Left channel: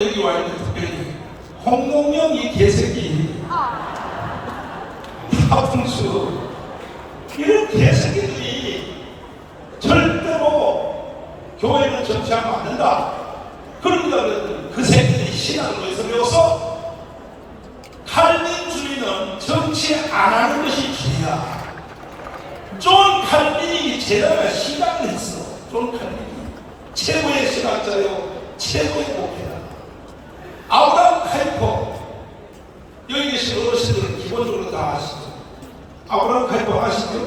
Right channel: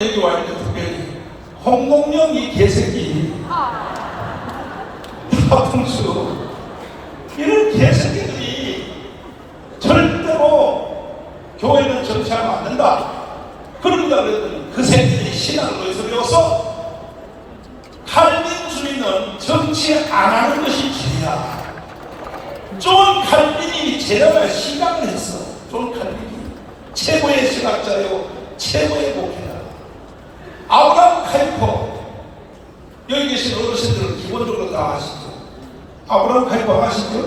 여기 와 있는 특별히 홍동영 이 개새끼 다풍수 이런 개새끼들이 절대로 교회는 정치하면 안 된다. 그런다 그랬더니 그 새끼들이 신앙을 어디서 배워서 칼빈 주의는 정치 안 하는 것이 죄야. 존 칼빈이 죄라고 시각을 했어. 존 칼빈이 최고의 신학자요, 최고의 목회자. 아브라함 카이퍼, 여기 계신 어르신들은 기본적으로 다 아시죠? 아브라함 카이퍼 아시죠?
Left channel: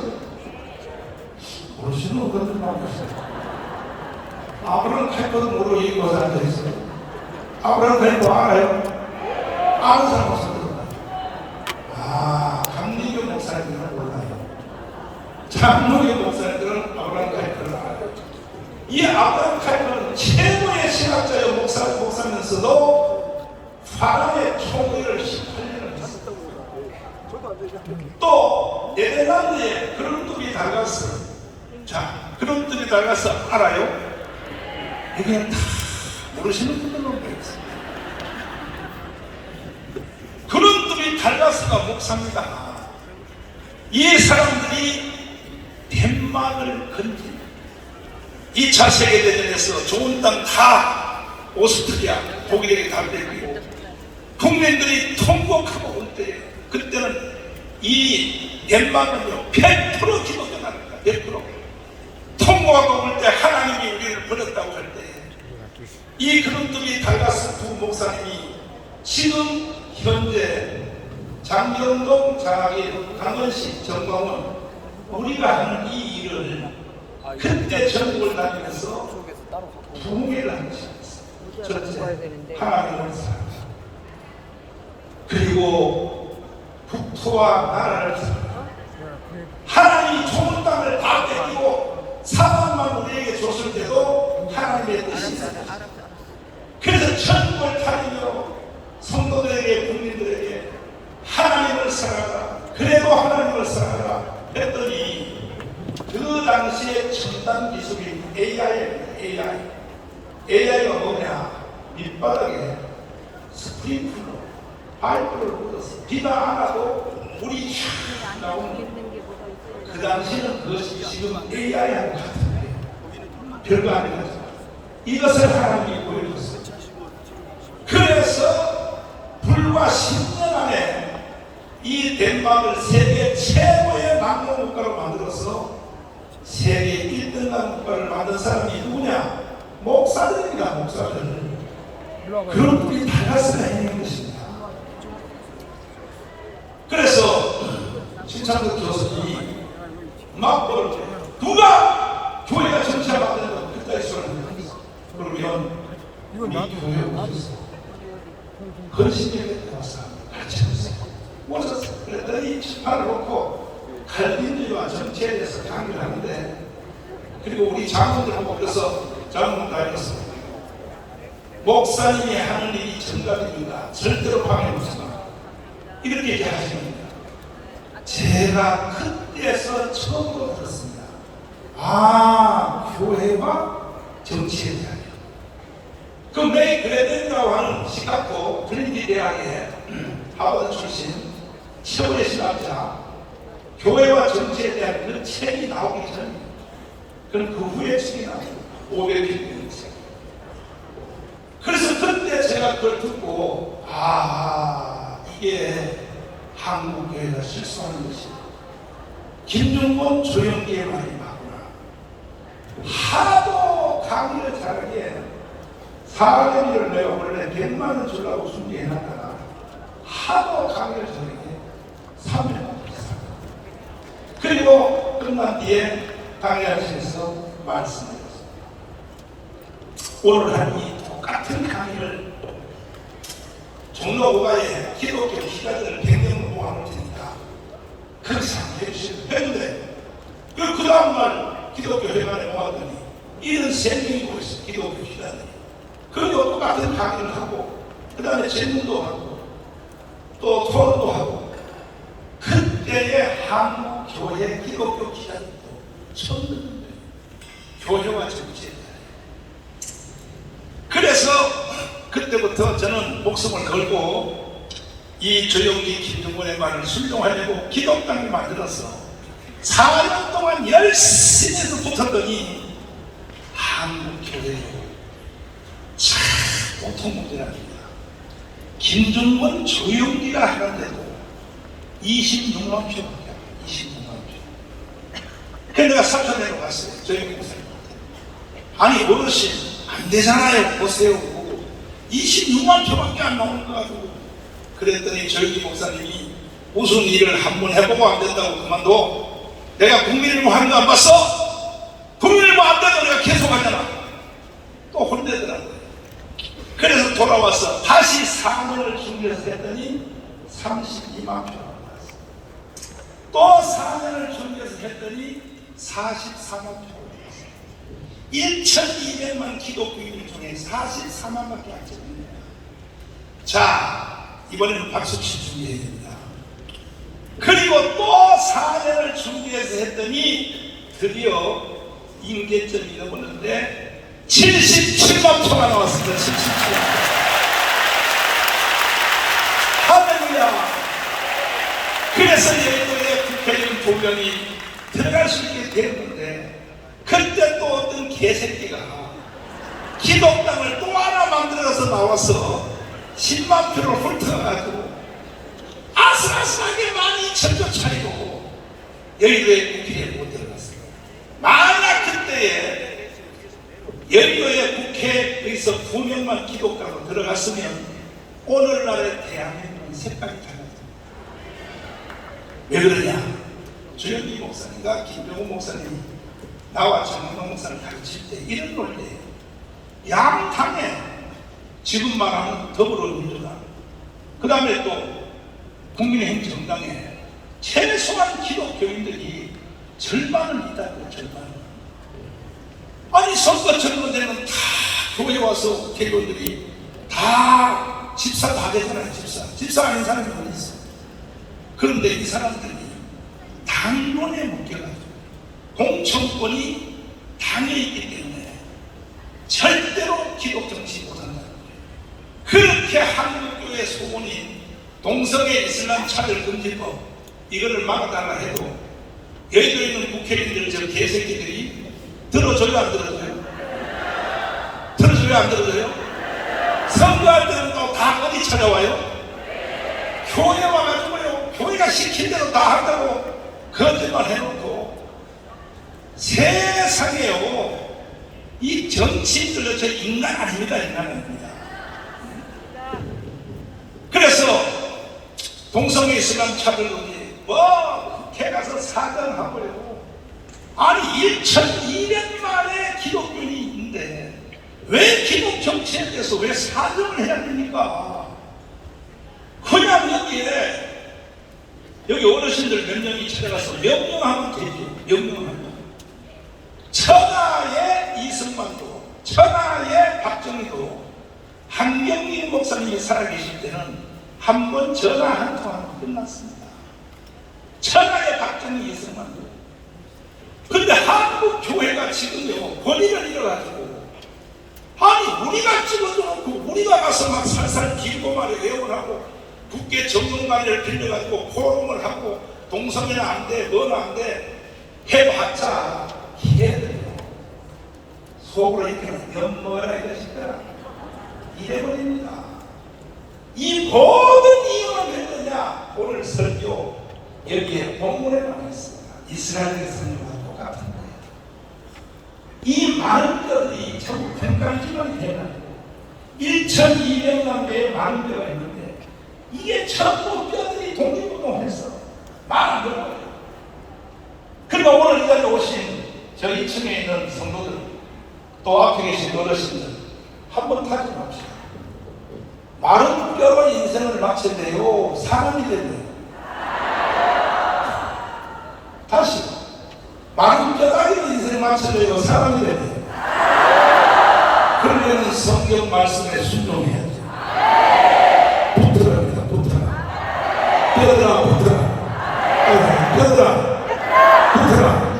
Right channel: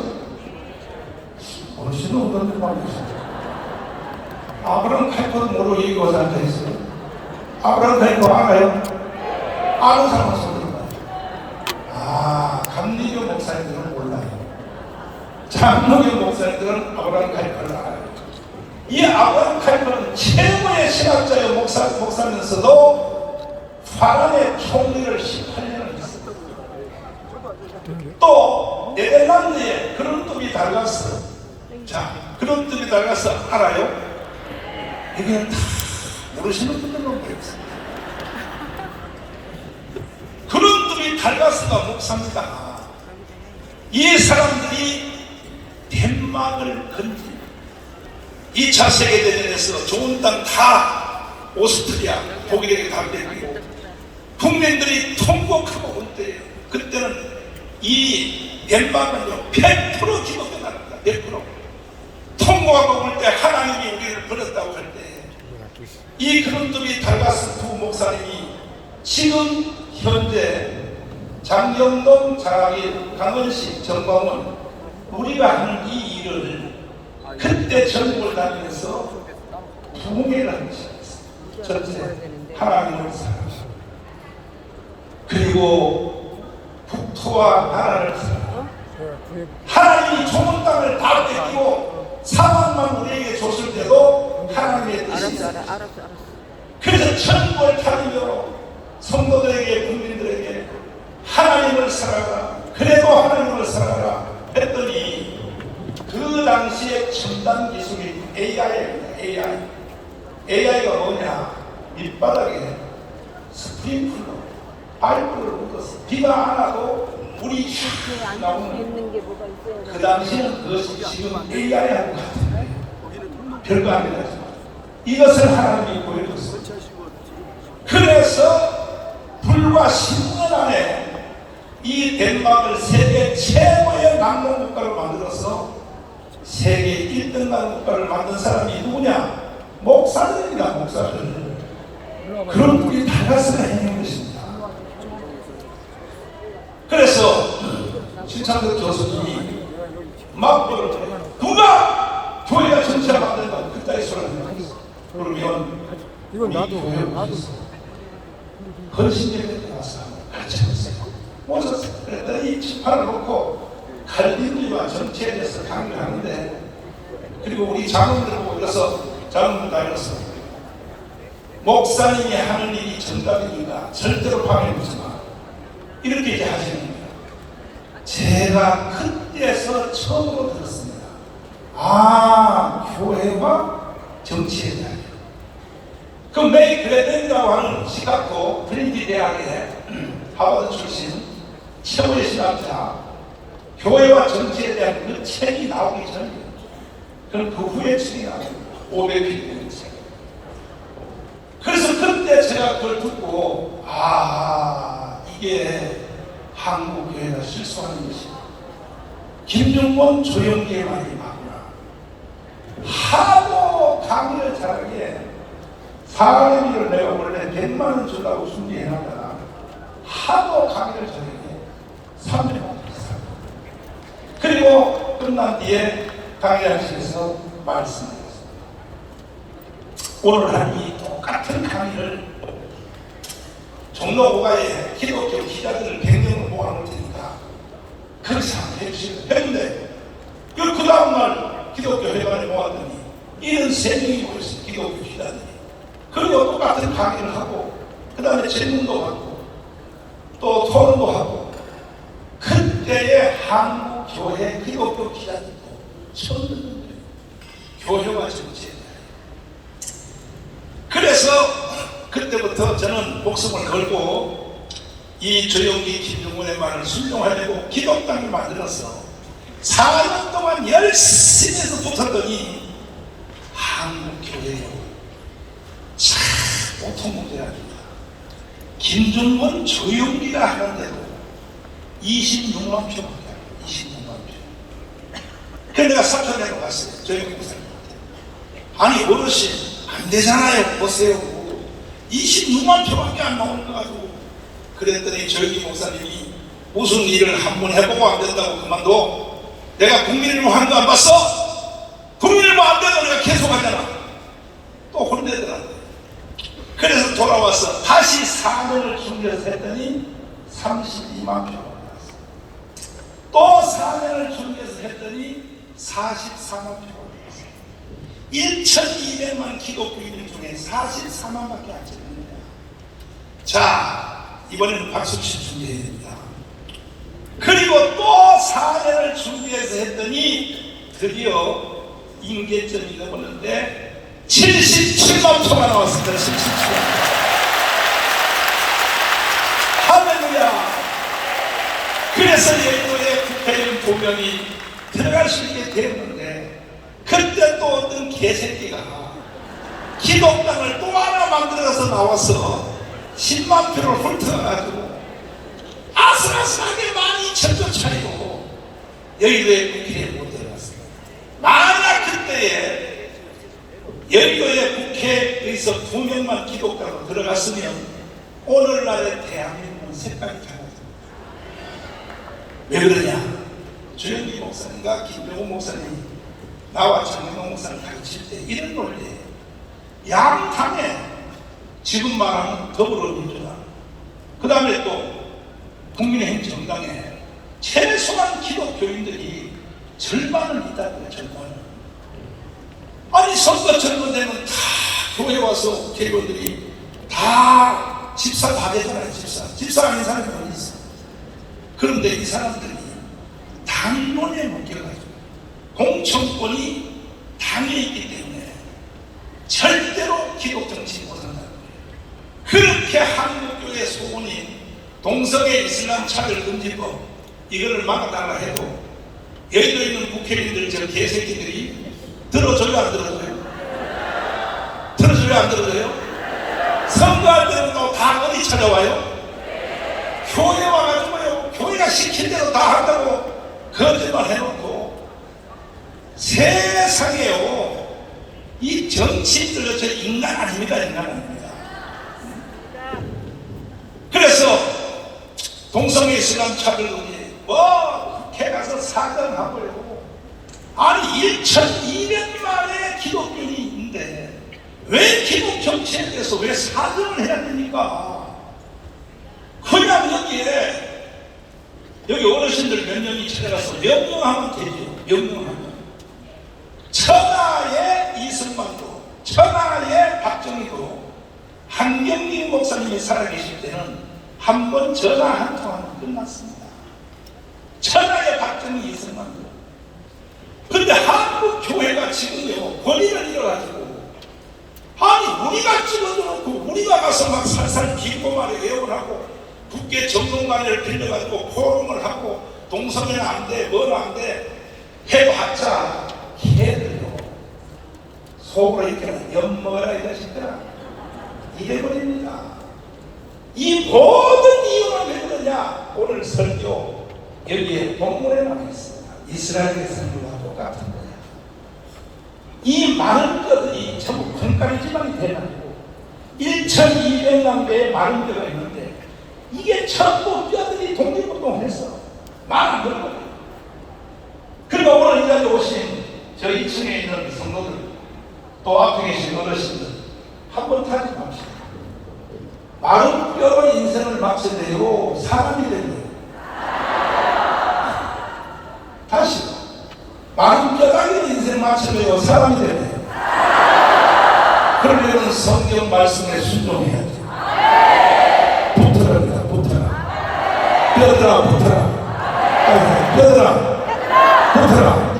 모르시는 분들도 많이 계세요. 아브라함 카이퍼도 모르고 여기 와서 앉아있어요. 아브라함 카이퍼 알아요? 아는 사람은 손들어봐요. 아, 감리교 목사님들은 몰라요. 장로교 목사님들은 아브라함 카이퍼를 알아요. 이 아브라함 카이퍼는 최고의 신학자여 목사면서도 파란의 총리를 18년을 했었거든요. 또 네덜란드에 그런 뚝이 달갔어. 자, 그런 뚝이 달가서 알아요? 여기는 다 모르시는 분들로 모였습니다. 그런 뚝이 달가스가 목사입니다. 이 사람들이 덴마크를 건진 2차 세계대전에서 좋은 땅 다 오스트리아, 독일에게 다 뺏기고 국민들이 통곡하고 올 때 그때는 이 덴마크는요 100% 기독교 나라입니다. 100% 통곡하고 올 때 하나님이 우리를 버렸다고 할 때 이 그런들이 달가스 두 목사님이 지금 현재 장경동, 장학일, 강은식, 정광훈 우리가 하는 이 일을 그때 전국을 다니면서 부흥회를 하는 것입니다. 첫째, 하나님을 사랑하고 그리고 국토와 나라를 사랑하고 하나님이 좋은 땅을 다 뺏기고 사방만 우리에게 줬을 때도 하나님의 뜻이 있습니다. 그래서 천국을 다니며 성도들에게 국민들에게 하나님을 사랑하라, 그래도 하나님을 사랑하라 했더니 그 당시에 첨단 기술이 AI입니다. AI가 뭐냐? 밑바닥에 스프링클러 파이프를 묻어서 비가 안 와도 물이 쫙 나오는 그 당시에는 그것이 지금 AI하고 같은데 별거 아니라 이것을 하나님이 보여줬어요. 그래서 불과 10년 안에 이 덴마크를 세계 최고의 낙농국가로 만들어서 세계 1등 낙농국가를 만든 사람이 누구냐? 목사들입니다. 목사들. 그런 분이 달가스가 해낸 것입니다. 그래서 신창덕 교수님이 막보를 때 누가 교회가 정치를 만든다고 그따위 소리를 했어. 그러면 우리 교회에서 헌신되게 들어가서 가르쳐주세요. 모셨어요. 그랬더니 이 지파를 놓고 칼빈주의와 정치에 대해서 강의를 하는데, 그리고 우리 장로들을 모여서 장로들에서 목사님이 하는 일이 정답입니다. 절대로 방해하지 마. 이렇게 이제 하시는 거예요. 제가 그때서 처음으로 들었습니다. 아, 교회와 정치에 대한. 그 메이 그레덴이라고 하는 시카고 트리니티 대학의 하버드 출신 최고의 신학자, 교회와 정치에 대한 그 책이 나오기 전입니다. 그럼 그 후에 책이 나옵니다. 500편 책. 그래서 그때 제가 그걸 듣고, 아, 이게 한국 교회가 실수하는 것이다. 김용곤, 조영기의 말이 맞구나. 하도 강의를 잘하기에 사람들을 내가 원래 100만 원 주려고 준비해놨다가 하도 강의를 잘하기에 300만 원 줬어요. 그리고 끝난 뒤에 강의하실에서 말씀드렸어요. 오늘 한 이 똑같은 강의를 종로 5가에 기독교 기자들을 100명을 모아놓을 테니까 거기서 한번 해주시면 되는데, 그 다음날 기독교 회관에 모았더니 73명이 모였어요. 기독교 기자들이. 그리고 똑같은 강의를 하고 그 다음에 질문도 받고 또 토론도 하고, 그때의 한국 교회 기독교 기자들도 처음 듣는 거예요. 교회와 정치에 대해. 그래서 그때부터 저는 목숨을 걸고 이 조영기 김정은의 말을 순종하려고 기독당을 만들어서 4년 동안 열심히 해서 붙었더니 한국교회요 참 보통 문제가 아닙니다. 김정은 조영기라 하는데도 26만 표밖에 안 돼요. 26만 표. 그래서 내가 사찰내러 갔어요. 조영기 목사님한테. 아니 어르신 안 되잖아요. 보세요. 26만 표밖에 안 나오는 거 가지고. 그랬더니 조영기 목사님이 무슨 일을 한번 해보고 안 된다고 그만둬. 내가 국민일보 한거 안 봤어? 국민일보 안 돼도 내가 계속 하잖아. 또 혼내더라고요. 그래서 돌아와서 다시 4년을 준비해서 했더니 32만 표가 나왔어요. 또 4년을 준비해서 했더니 44만 표가 나왔어요. 1,200만 기독교인 중에 44만밖에 안 되네요. 자, 이번에는 박수치 준비해야 됩니다. 그리고 또 4년을 준비해서 했더니 드디어 임계점이 넘었는데 77만 표가 나왔습니다. 77만 표. 할렐루야. 그래서 예전에 국회의원 2명이 들어갈 수 있게 되었는데 그때 또 어떤 개새끼가 기독당을 또 하나 만들어서 나와서 10만 표를 훑어가지고 아슬아슬하게 많이 전조 차리고 여의도의 국회에 못 들어갔습니다. 만약 그때에 여의도의 국회에서 2명만 기독교로 들어갔으면 오늘날의 대한민국은 색깔이 달라집니다. 왜 그러냐? 조영기 목사님과 김정은 목사님이 나와 정영광 목사님 가르칠 때 이런 논리예요. 양당에 지금 말하는 더불어민주당 그 다음에 또 국민의힘 정당에 최소한 기독교인들이 절반은 있다고요. 절반은. 아니 선거철도 되면 다 교회 와서 개교들이 다 집사 다 되잖아요. 집사 아닌 사람이 어디 있어요. 그런데 이 사람들이 당론에 묶여가지고 공천권이 당에 있기 때문에 절대로 기독 정치 못한다는 거예요. 그렇게 한국교회 소원인 동성애 이슬람 차별금지법 이거를 막아달라 해도 여의도에 있는 국회의원들 저 개새끼들이 들어줘요 안 들어줘요? 들어줘요 안 들어줘요? 선거할 때는 또 다 어디 찾아와요? 교회 와가지고요 교회가 시킨 대로 다 한다고 거짓말 해놓고 세상에요 이 정치인들도 저 인간 아닙니다. 인간 아닙니다. 그래서 동성애 이슬람 차별금지 국회 가서 사정하고요. 아니 1,200만의 기독교인이 있는데 왜 기독 정치에 대해서 왜 사정을 해야 됩니까? 그냥 여기 어르신들 몇 명이 찾아가서 명령하면 되죠. 명령하면 천하의 이승만도 천하의 박정희도 한경리 목사님이 살아계실 때는 한 번 전화 한 통화는 끝났습니다. 천하의 박정희 이승만도. 근데 한국 교회가 지금요 권위를 잃어가지고 아니 우리가 찍어놓고 우리가 가서 막 살살 길고 말에 애용을 하고 국회 전문가를 빌려가지고 포럼을 하고 동성애는 안 돼, 뭐는 안 돼 해봤자 걔들요 속으로 이렇게는 연모하라 이 자식들아 이래버립니다. 이 모든 이유는 왜 그러냐? 오늘 설교 여기에 본문에 나와 있습니다. 이스라엘의 선교와 똑같은 거예요. 이 많은 뼈들이 전부 콩가루지만이 돼가지고 1,200만 개의 마른 뼈가 있는데 이게 전부 뼈들이 독립운동을 했어. 많은 뼈들. 그리고 오늘 이 자리에 오신 저 2층에 있는 성도들 또 앞에 계신 어르신들 한번 타지 맙시다. 마른 뼈로 인생을 마친대요. 사람이 되네요. 다시 마른 뼈다귀로 인생 마칠래요. 사람이 되네요. 그러려면 성경 말씀에 순종해야죠. 붙어라 붙어라 뼈들아 붙어라 뼈들아 붙어라.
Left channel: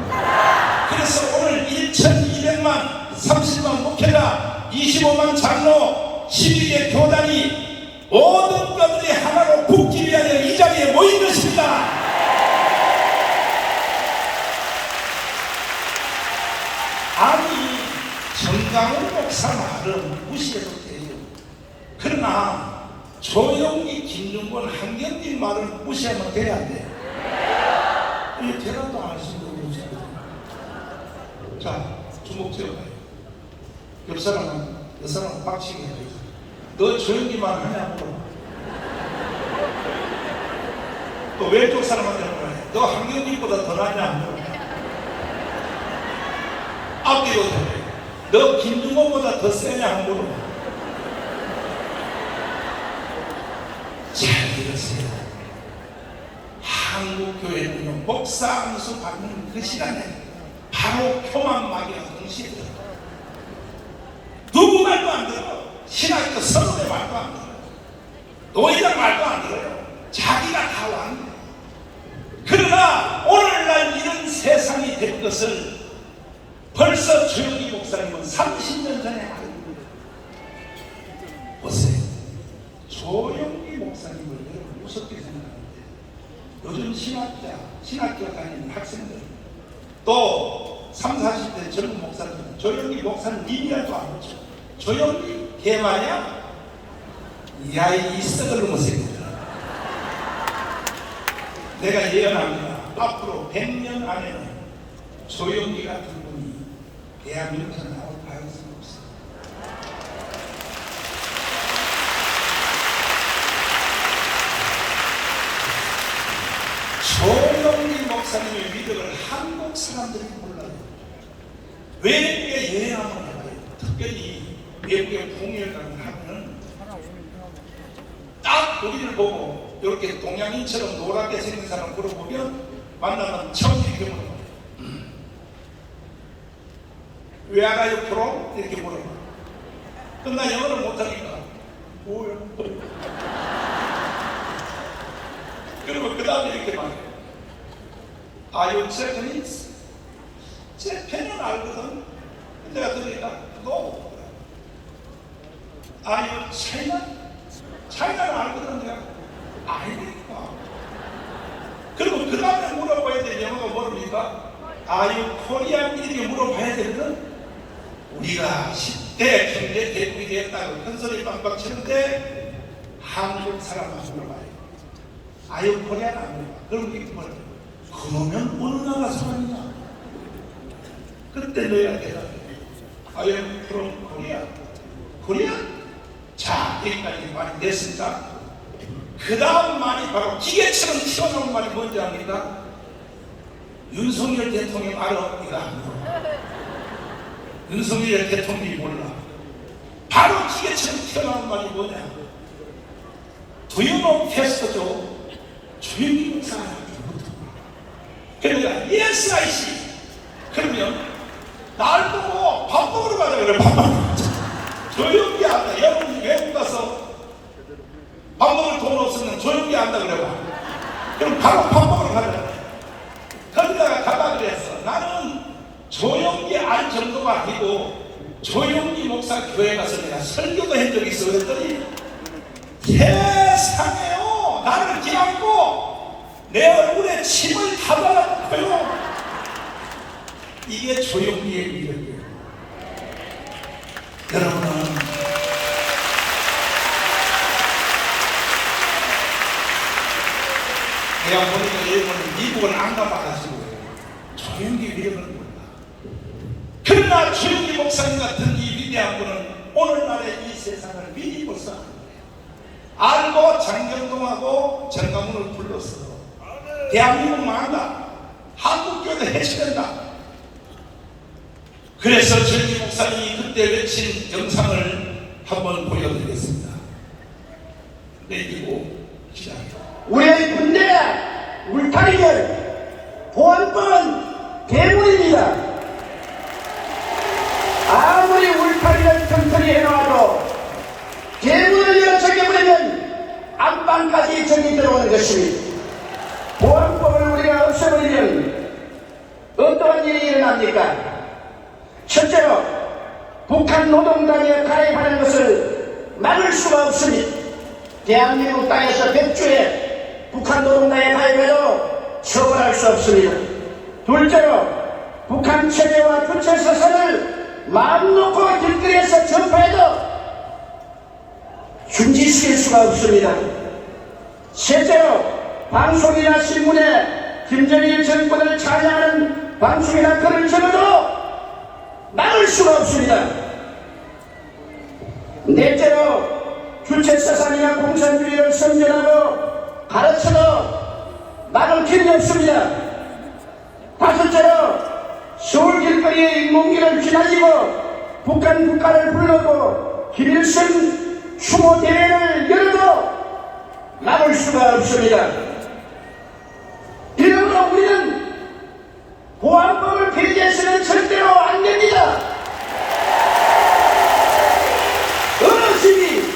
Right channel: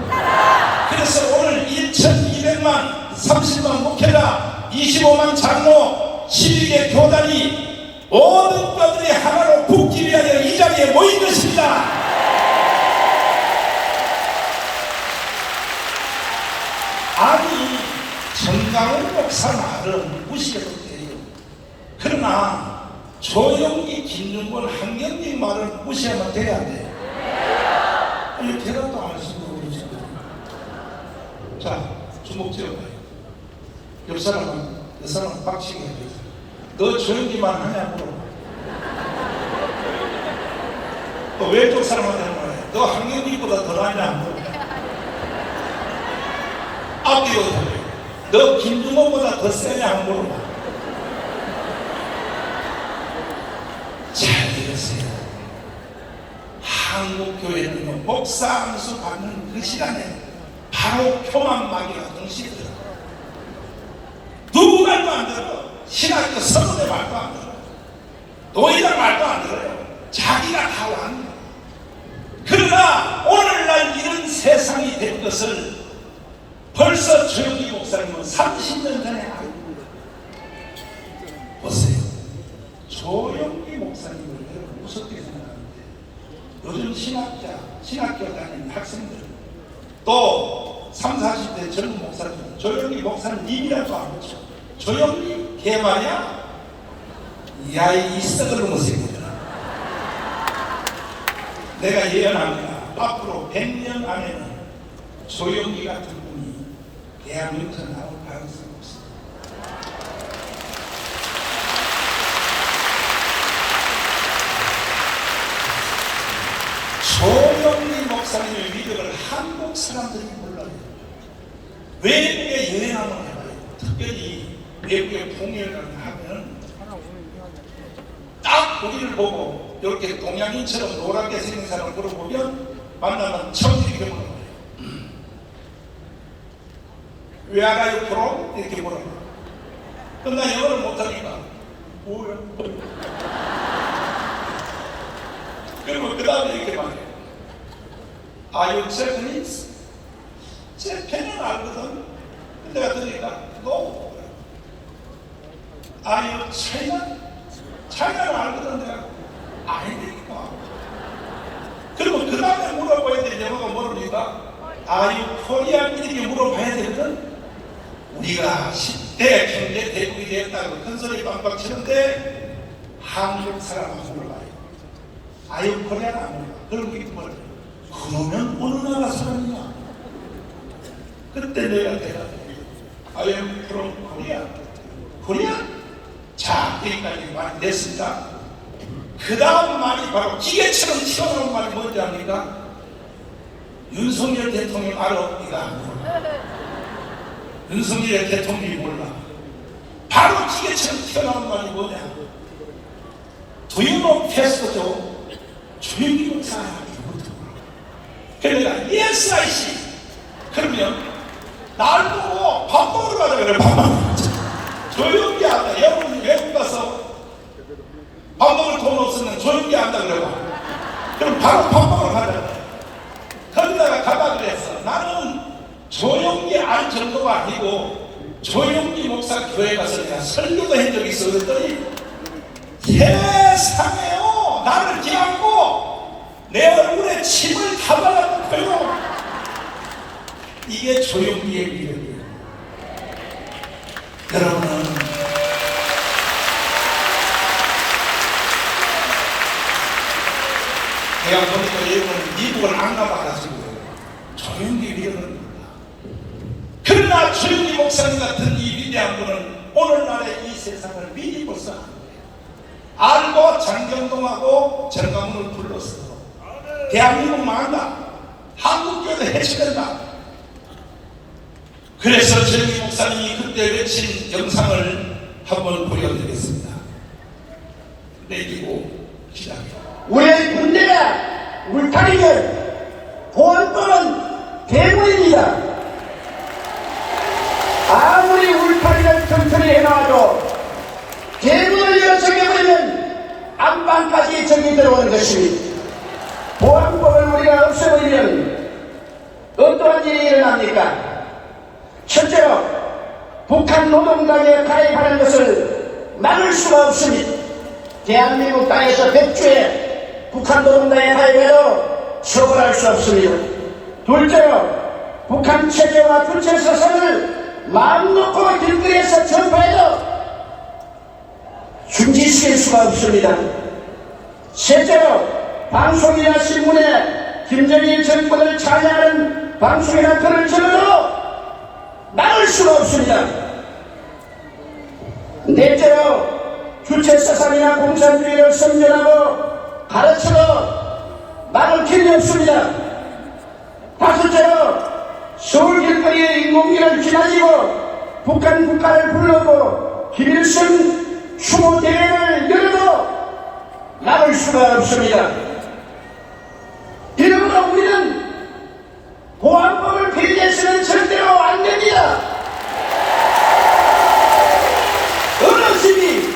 그래서 오늘 1,200만 30만 목회자 25만 장로 12개 교단이 모든 것들이 하나로 북집해야 될 이 자리에 모인 것입니다. 아니, 정강훈 목사 말은 무시해도 돼요. 그러나 조영기, 김용건, 한경진 말은 무시하면 돼야 안 돼요. 왜 대답도 안 하시는 거예요, 지금? 자, 주목 지어봐요. 옆 사람은 빡치게 해야 되겠다. 너 조영기만 하냐고. 또 왼쪽 사람한테 물어봐요. 너 한경진보다 더 나이냐? 앞뒤로 너 김중호보다 더 세냐? 물어봐. 잘 들으세요. 한국교회는 목사 안수 받는 그 시간에 바로 표만마귀가 동시에 들어. 누구 말도 안 들어. 신학교 선후배 말도 안 들어. 노예들 말도 안 들어요. 자기가 다 왔네. 그러나 오늘날 이런 세상이 된 것을 벌써 조영기 목사님은 30년 전에 알고 보세요. 조영기 목사님을 여러분 무섭게 생각하는데 요즘 신학교 다니는 학생들 또 30, 40대 젊은 목사님 조영기 목사님 이미라도 안 붙여. 조영기 개말이야? 야이 썩을 놈의 내가 예언합니다. 앞으로 100년 안에는 조영기 같은 분이 대한민국에서 나올 가능성이 없습니다. 조영기 목사님의 위력을 한국 사람들이 몰라요. 외국에 여행 한번 해봐요. 특별히 외국에 공연을 하면 딱 우리를 보고 이렇게 동양인처럼 노랗게 생긴 사람 물어보면 만나면 처음 이렇게 물어봐요. 왜 알아요? 프로? 이렇게 물어봐. 그럼 나 영어를 못하니까 뭐야? 그리고 그 다음에 이렇게 말해요. Are you Japanese? 재팬은 알거든. 내가 들으니까 No. Are you China? 차이나는 알거든. 내가 아니니까. 그리고 그 다음에 물어봐야 될 영어가 모릅니까? Are you Korean? 이렇게 물어봐야 되거든. 우리가 10대 경제 대국이 되었다고 큰소리 빵빵 치는데 한국 사람은 물어봐요. Are you Korean? 안 물어봐. 그럼 이렇게 물어봐요. 그러면 어느 나라 사람이냐? 그때 너희가 대답해. I am from Korea. Korea? 자, 여기까지 말이 됐습니다. 그 다음 말이 바로 기계처럼 튀어나온 말이 뭔지 압니까? 윤석열 대통령 알아? 이거 안 몰라. 윤석열 대통령이 몰라. 바로 기계처럼 튀어나온 말이 뭐냐? Do you know 패스토죠? 조영기 목사가 그러니까 yes I see. 그러면 날 보고 밥 먹으러 가자 그래. 밥 먹으러 가자. 조영기 한다. 여러분 외국 가서 밥 먹을 돈 없으면 조영기 한다 그래. 그럼 바로 밥 먹으러 가자. 거기다가 가자 그랬어. 나는 조영기 알 정도가 아니고 조영기 목사 교회 가서 내가 설교도 한 적이 있어. 그랬더니 세상에요. 나를 기약고 내 얼굴에 침을 다 발라놓고요. 이게 조영기의 위력이에요. 여러분은 내가 보니까 여러분은 미국을 안 가봐가지고 조영기 위력은 몰라. 그러나 조영기 목사님 같은 이 위대한 분은 오늘날의 이 세상을 미리 벌써 안 거예요. 알고 장경동하고 정강훈을 불렀어. 대한민국 망한다. 한국교회도 해치된다. 그래서 조영기 목사님이 그때 외친 영상을 한번 보여드리겠습니다. 내기고 시작합니다. 우리의 군대가 울타리는 보안권은 대물입니다. 아무리 울타리를 튼튼히 해놔도 대문을 열어 잠겨버리면 안방까지 적이 들어오는 것입니다. 보안법을 우리가 없애버리면 어떠한 일이 일어납니까? 첫째로 북한 노동당에 가입하는 것을 막을 수가 없습니다. 대한민국 땅에서 100주에 북한 노동당의 파괴로 처벌할 수 없습니다. 둘째로 북한 체제와 주체 사상을 마음 놓고 길거리에서 전파해도 중지시킬 수가 없습니다. 셋째로 방송이나 신문에 김정일 정권을 찬양하는 방송이나 글을 적어도 막을 수가 없습니다. 넷째로 주체사상이나 공산주의를 선전하고 가르쳐도 막을 길이 없습니다. 다섯째로 서울 길거리에 인공기를 지나치고 북한 국가를 불러고 김일성 추모 대회를 열어도 막을 수가 없습니다. 이러므로 우리는 보안법을 폐기해서는 절대로 안 됩니다. 어르신이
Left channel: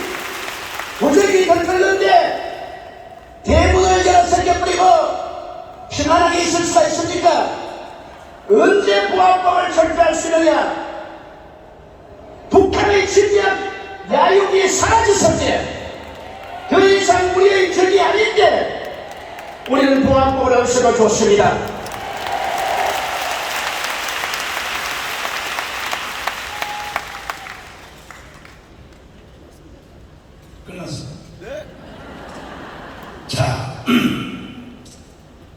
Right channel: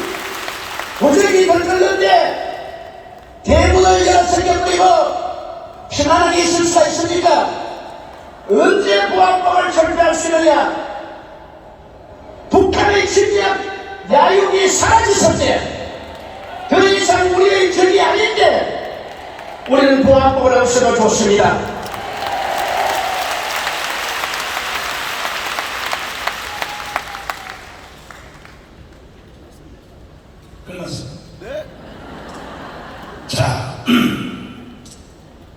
도적이 벌벌는데 대문을 열어 설겨버리고 평안하게 있을 수가 있습니까? 언제 보안법을 철폐할 수 있느냐? 북한의 침략 야욕이 사라졌을 때 더 이상 우리의 적이 아닌데 우리는 보안법을 없애도 좋습니다. 끝났습니다. 자,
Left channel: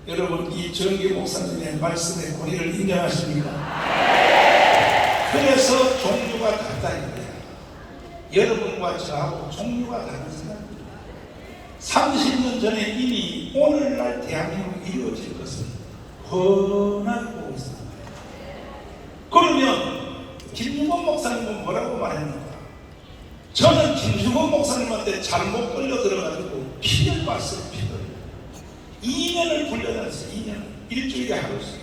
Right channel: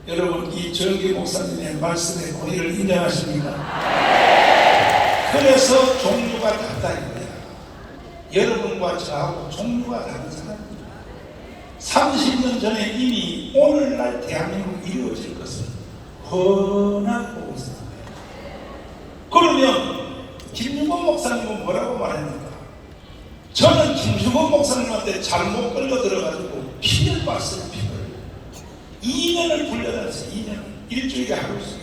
여러분 이 정기 목사님의 말씀의 권위를 인정하십니까? 그래서 종류가 같다는 거예요. 여러분과 저하고 종류가 다른 사람입니다. 30년 전에 이미 오늘날 대한민국이 이루어질 것을 훤하게 보고 있습니다. 그러면 김유건 목사님은 뭐라고 말합니까? 저는 김유건 목사님한테 잘못 끌려 들어가지고 피를 봤어요. 피를 2년을 불려다녔어요. 2년을 일주일에 하루씩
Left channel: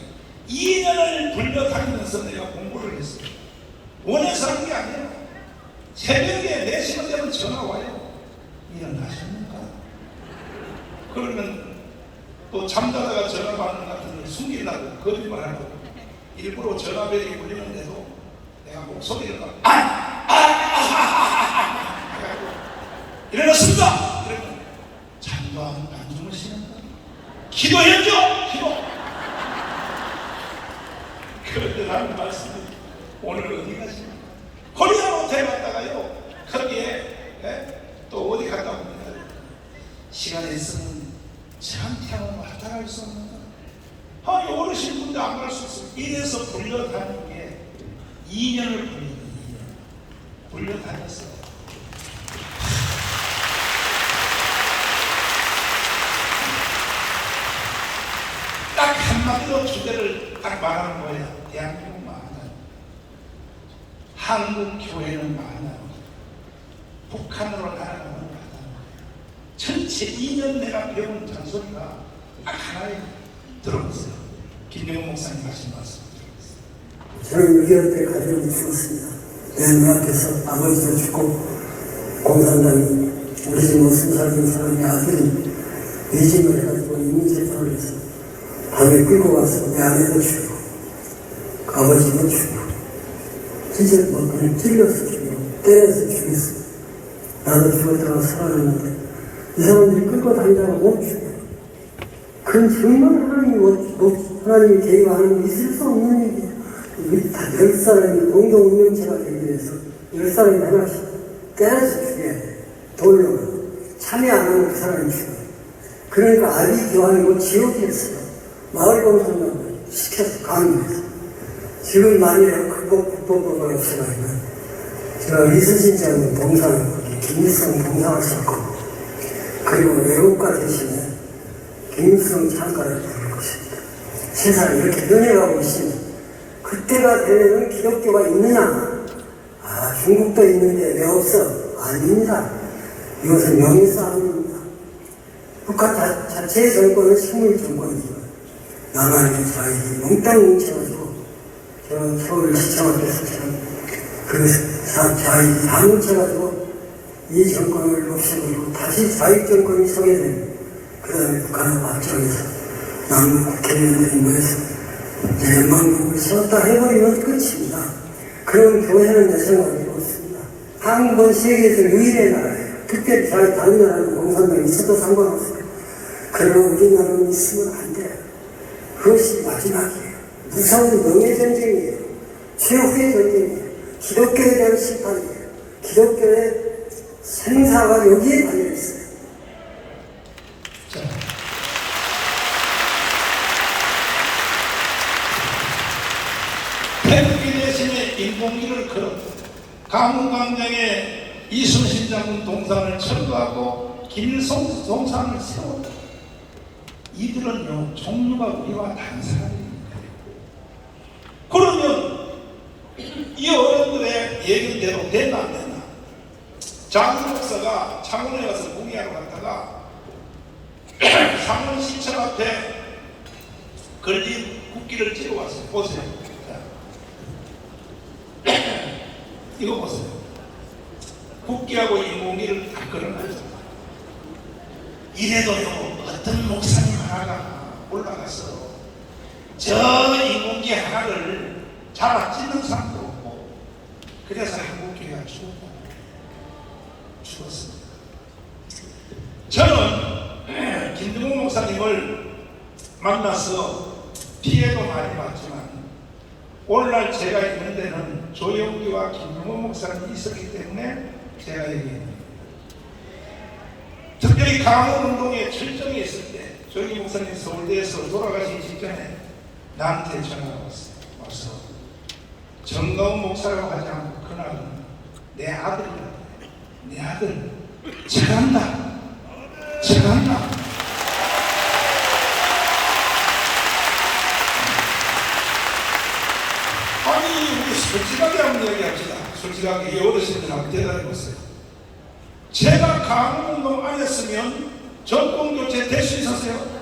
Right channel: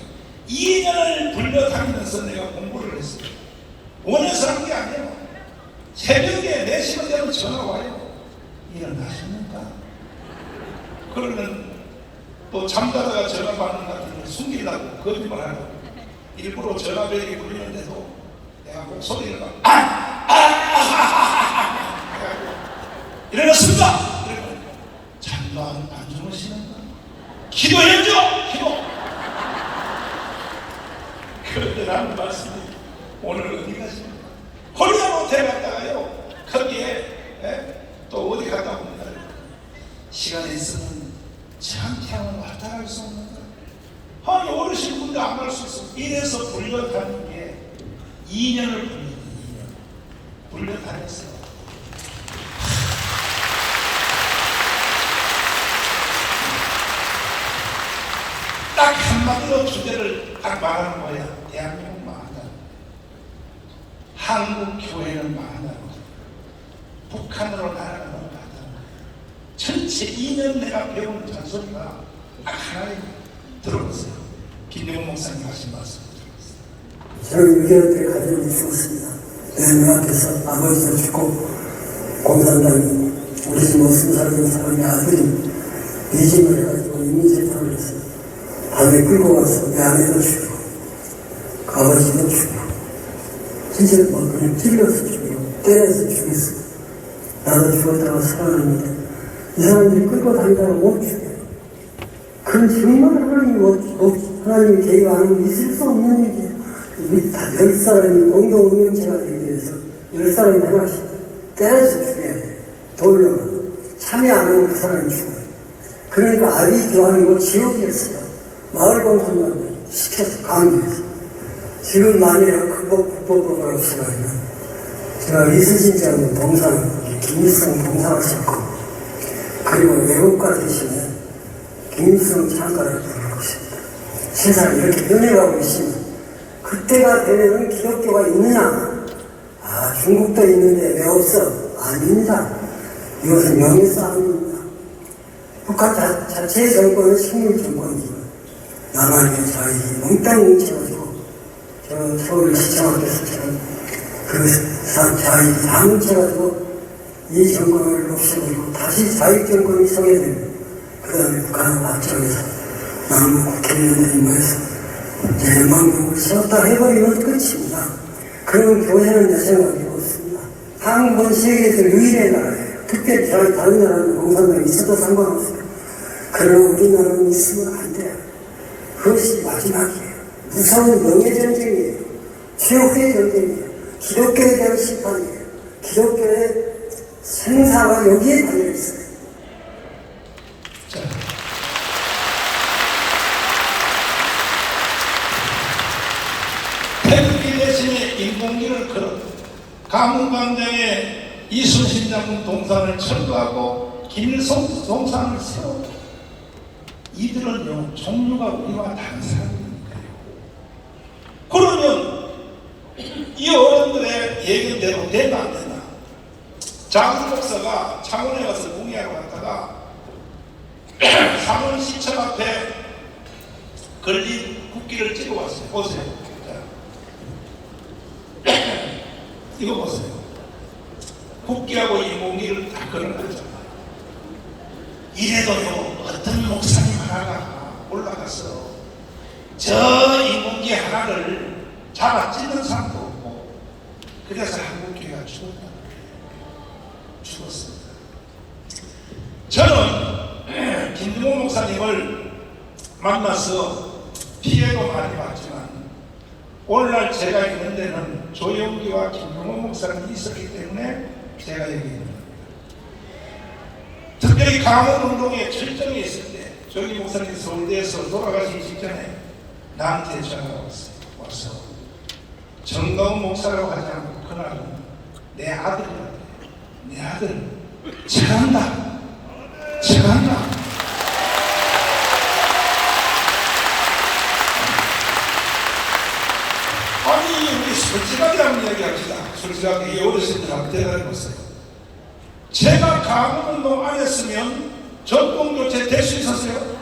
2년을 불려다니면서 내가 공부를 했어요. 원해서 한 게 아니에요. 새벽에 4시간 되면 전화 와요. 일어나십니까? 그러면 또 잠자다가 전화 받는 같은 숨기려고 거짓말하고 일부러 전화벨이 울리는데도 내가 목소리를 막 일어났습니다. 이러면 잠깐 안 주무시는가? 기도해줘! 기도! 그런데 나는 말씀이 오늘 어디 가십니까? 코리아로 데려갔다가요 거기에 또 어디 갔다 옵니다. 시간이 있으면 참 태어나 왔다 갈 수 없는 거예요. 아니 어르신 군대 안 갈 수 있어. 이래서 불려다니는 게 2년을 걸리는 2년 불려다녔어요. 딱 한마디로 주제를 딱 말하는 거야. 대한민국 망한다. 한국 교회는 망한다. 북한으로 나아가는 거야. 전체 2년 내가 배운 잔소리가 딱 하나에 들어봤어요. 김영훈 목사님 하신 말씀 들어봤어요. 저는 6개월 때 가정이 죽었습니다. 내 눈앞에서 아버지도 죽고 공산당이 우리 집 승사된 사람의 아들이 이심을 해가지고 임의재판을 해서 밤에 끌고 와서 내 아내도 죽이고 아버지도 죽이고 실제 막 그냥 찔러서 죽이고 때려서 죽였어. 나도 죽었다가 살아났는데 이 사람들이 끌고 다니다가 못 죽여요. 그건 정말 하나님이 계획 안에 있을 수 없는 일이에요. 우리 다 10사람이 공동 운명체가 되기 위해서 10사람이 하나씩 때려서 죽여야 돼. 돌로 참여 안 하면 그 사람이 죽어요. 그러니까 아비 교환이고 지옥이었어요. 마을 공산당을 시켜서 강요해서. 지금 만일에 국법법을 없애가지고 제가 이수진 장군 동상, 김일성 동상하셨고 그리고 외국가 대신에 김일성 창가를 부를 것입니다. 세상이 이렇게 변해가고 있으면 그때가 되면 기독교가 있느냐? 아, 중국도 있는데 왜 없어? 아닙니다. 이것은 명예싸움입니다. 북한 자체의 정권은 식물 정권이지만 남한의 자익이 몽땅 뭉쳐가지고 저는 서울시청학교에서 저는 그 자익이 다 뭉쳐가지고 이 정권을 없애버리고 다시 자익 정권이 서게 되면 그 다음에 북한을 맞춰서 남북 국회의원들이 모여서 대망국을 세웠다 해버리면 끝입니다. 그럼 교회는 내 생각이 없습니다. 한국은 세계에서 유일의 나라예요. 그때 다른 나라는 공산당이 있어도 상관없어요. 그러나 우리나라는 있으면 안 돼요. 그것이 마지막이에요. 무서운 명예전쟁이에요. 최후의 전쟁이에요. 기독교에 대한 심판이에요. 기독교의 생사가 여기에 달려있어요. 태극기 대신에 인공기를 걸었고 가문광장에 이순신 장군 동상을 철거하고 김일성 동상을 세웠다. 이들은요 종류가 우리와 다른 사람이니까요. 그러면 이 어른들의 얘기대로 되나 안 되나? 장훈 목사가 창원에 가서 공예하러 갔다가 창원시청 앞에 걸린 국기를 찍어왔어요. 보세요. 이거 보세요. 국기하고 인공기를 다 걸어놨잖아요. 이래도요 어떤 목사님 하나가 올라가서 저 인공기 하나를 잡아 찢는 사람도 없고 그래서 한국교회가 죽었습니다. 저는 김중호 목사님을 만나서 피해도 많이 봤지만 오늘날 제가 있는 데는 조영기와 김중호 목사님이 있었기 때문에 제가 여기 있는 겁니다. 특별히 강원운동에 철정이 있을 때 조영기 목사님이 서울대에서 돌아가시기 직전에 나한테 전화가 와서 정가운 목사라고 하지 않고 그날은 내 아들이라고 내 아들 잘한다 잘한다. 아니 우리 솔직하게 한번 얘기합시다. 솔직하게 이 어르신들 한번 대답해보세요. 제가 강원운동 안 했으면 전통교체 될 수 있었어요?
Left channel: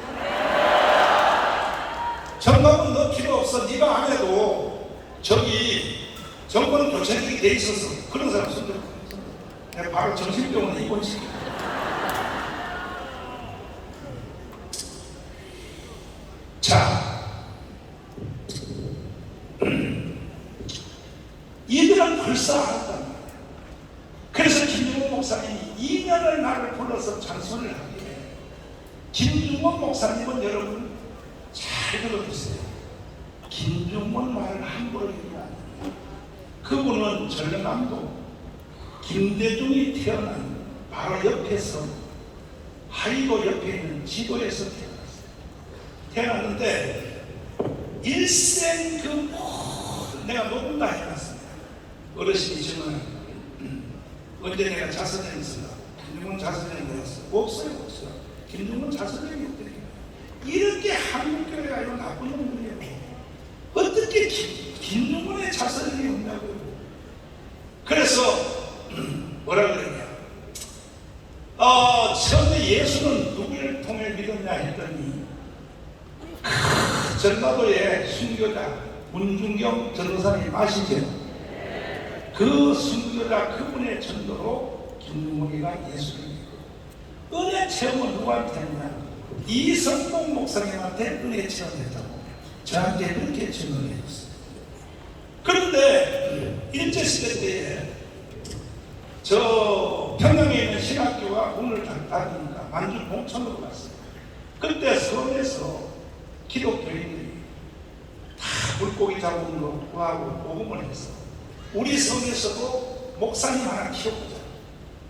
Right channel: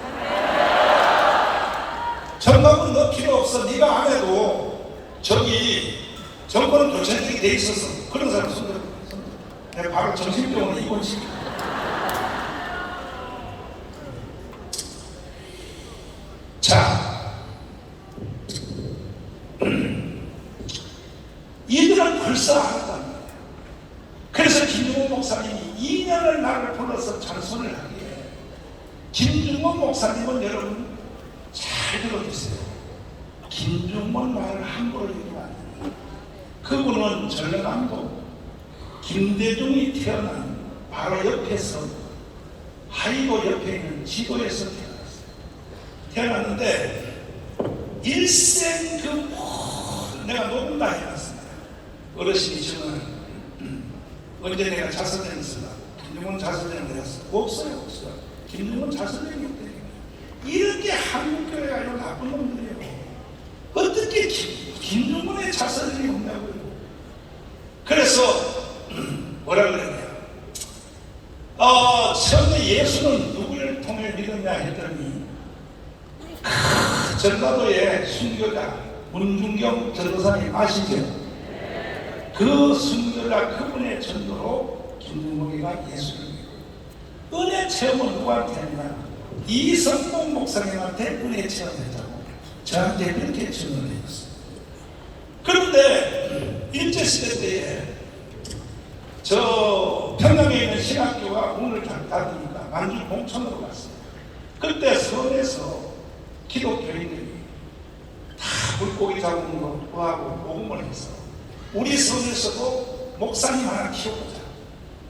정강은 너 필요 없어. 네가 안 해도 저기 정권은 교체되게 돼 있었어. 그런 사람 손들어. 내가 바로 정신병원에 입원시켜. 자, 이들은 벌써 알았단 말이야. 그래서 김중호 목사님이 2년을 나를 불러서 찬송을 하기에 김중호 목사님은 여러분 잘 들어주세요. 김중원 말을 함부로 얘기하면 안 됩니다. 그분은 전라남도 김대중이 태어난 바로 옆에서 하이도 옆에 있는 지도에서 태어났어요. 태어났는데 일생 그 모든 내가 녹음 다 해놨습니다. 어르신이시면 언제 내가 자서전했습니다. 김중원 자서전을 내었어. 없어요. 김중원 자서전이 없대요. 이렇게 한국교회가 이런 나쁜 놈들이에요. 어떻게 김중원의 자서전이 없냐고요. 그래서 뭐라 그랬냐. 처음에 예수는 누구를 통해 믿었냐 했더니 전라도의 순교자 문중경 전도사님 아시죠? 그 순교자 그분의 전도로 김중원이가 예수를 믿고 은혜 체험은 누구한테 했냐. 이성동 목사님한테 은혜 체험했다고 저한테 그렇게 증언을 해줬어요. 그런데 일제시대 때에 저 평양에 있는 신학교가 문을 닫으니까 만주 봉천으로 갔어요. 그때 섬에서 기독교인들이 다 물고기 잡은 거 구하고 복음을 해서 우리 섬에서도 목사님 하나 키워보자.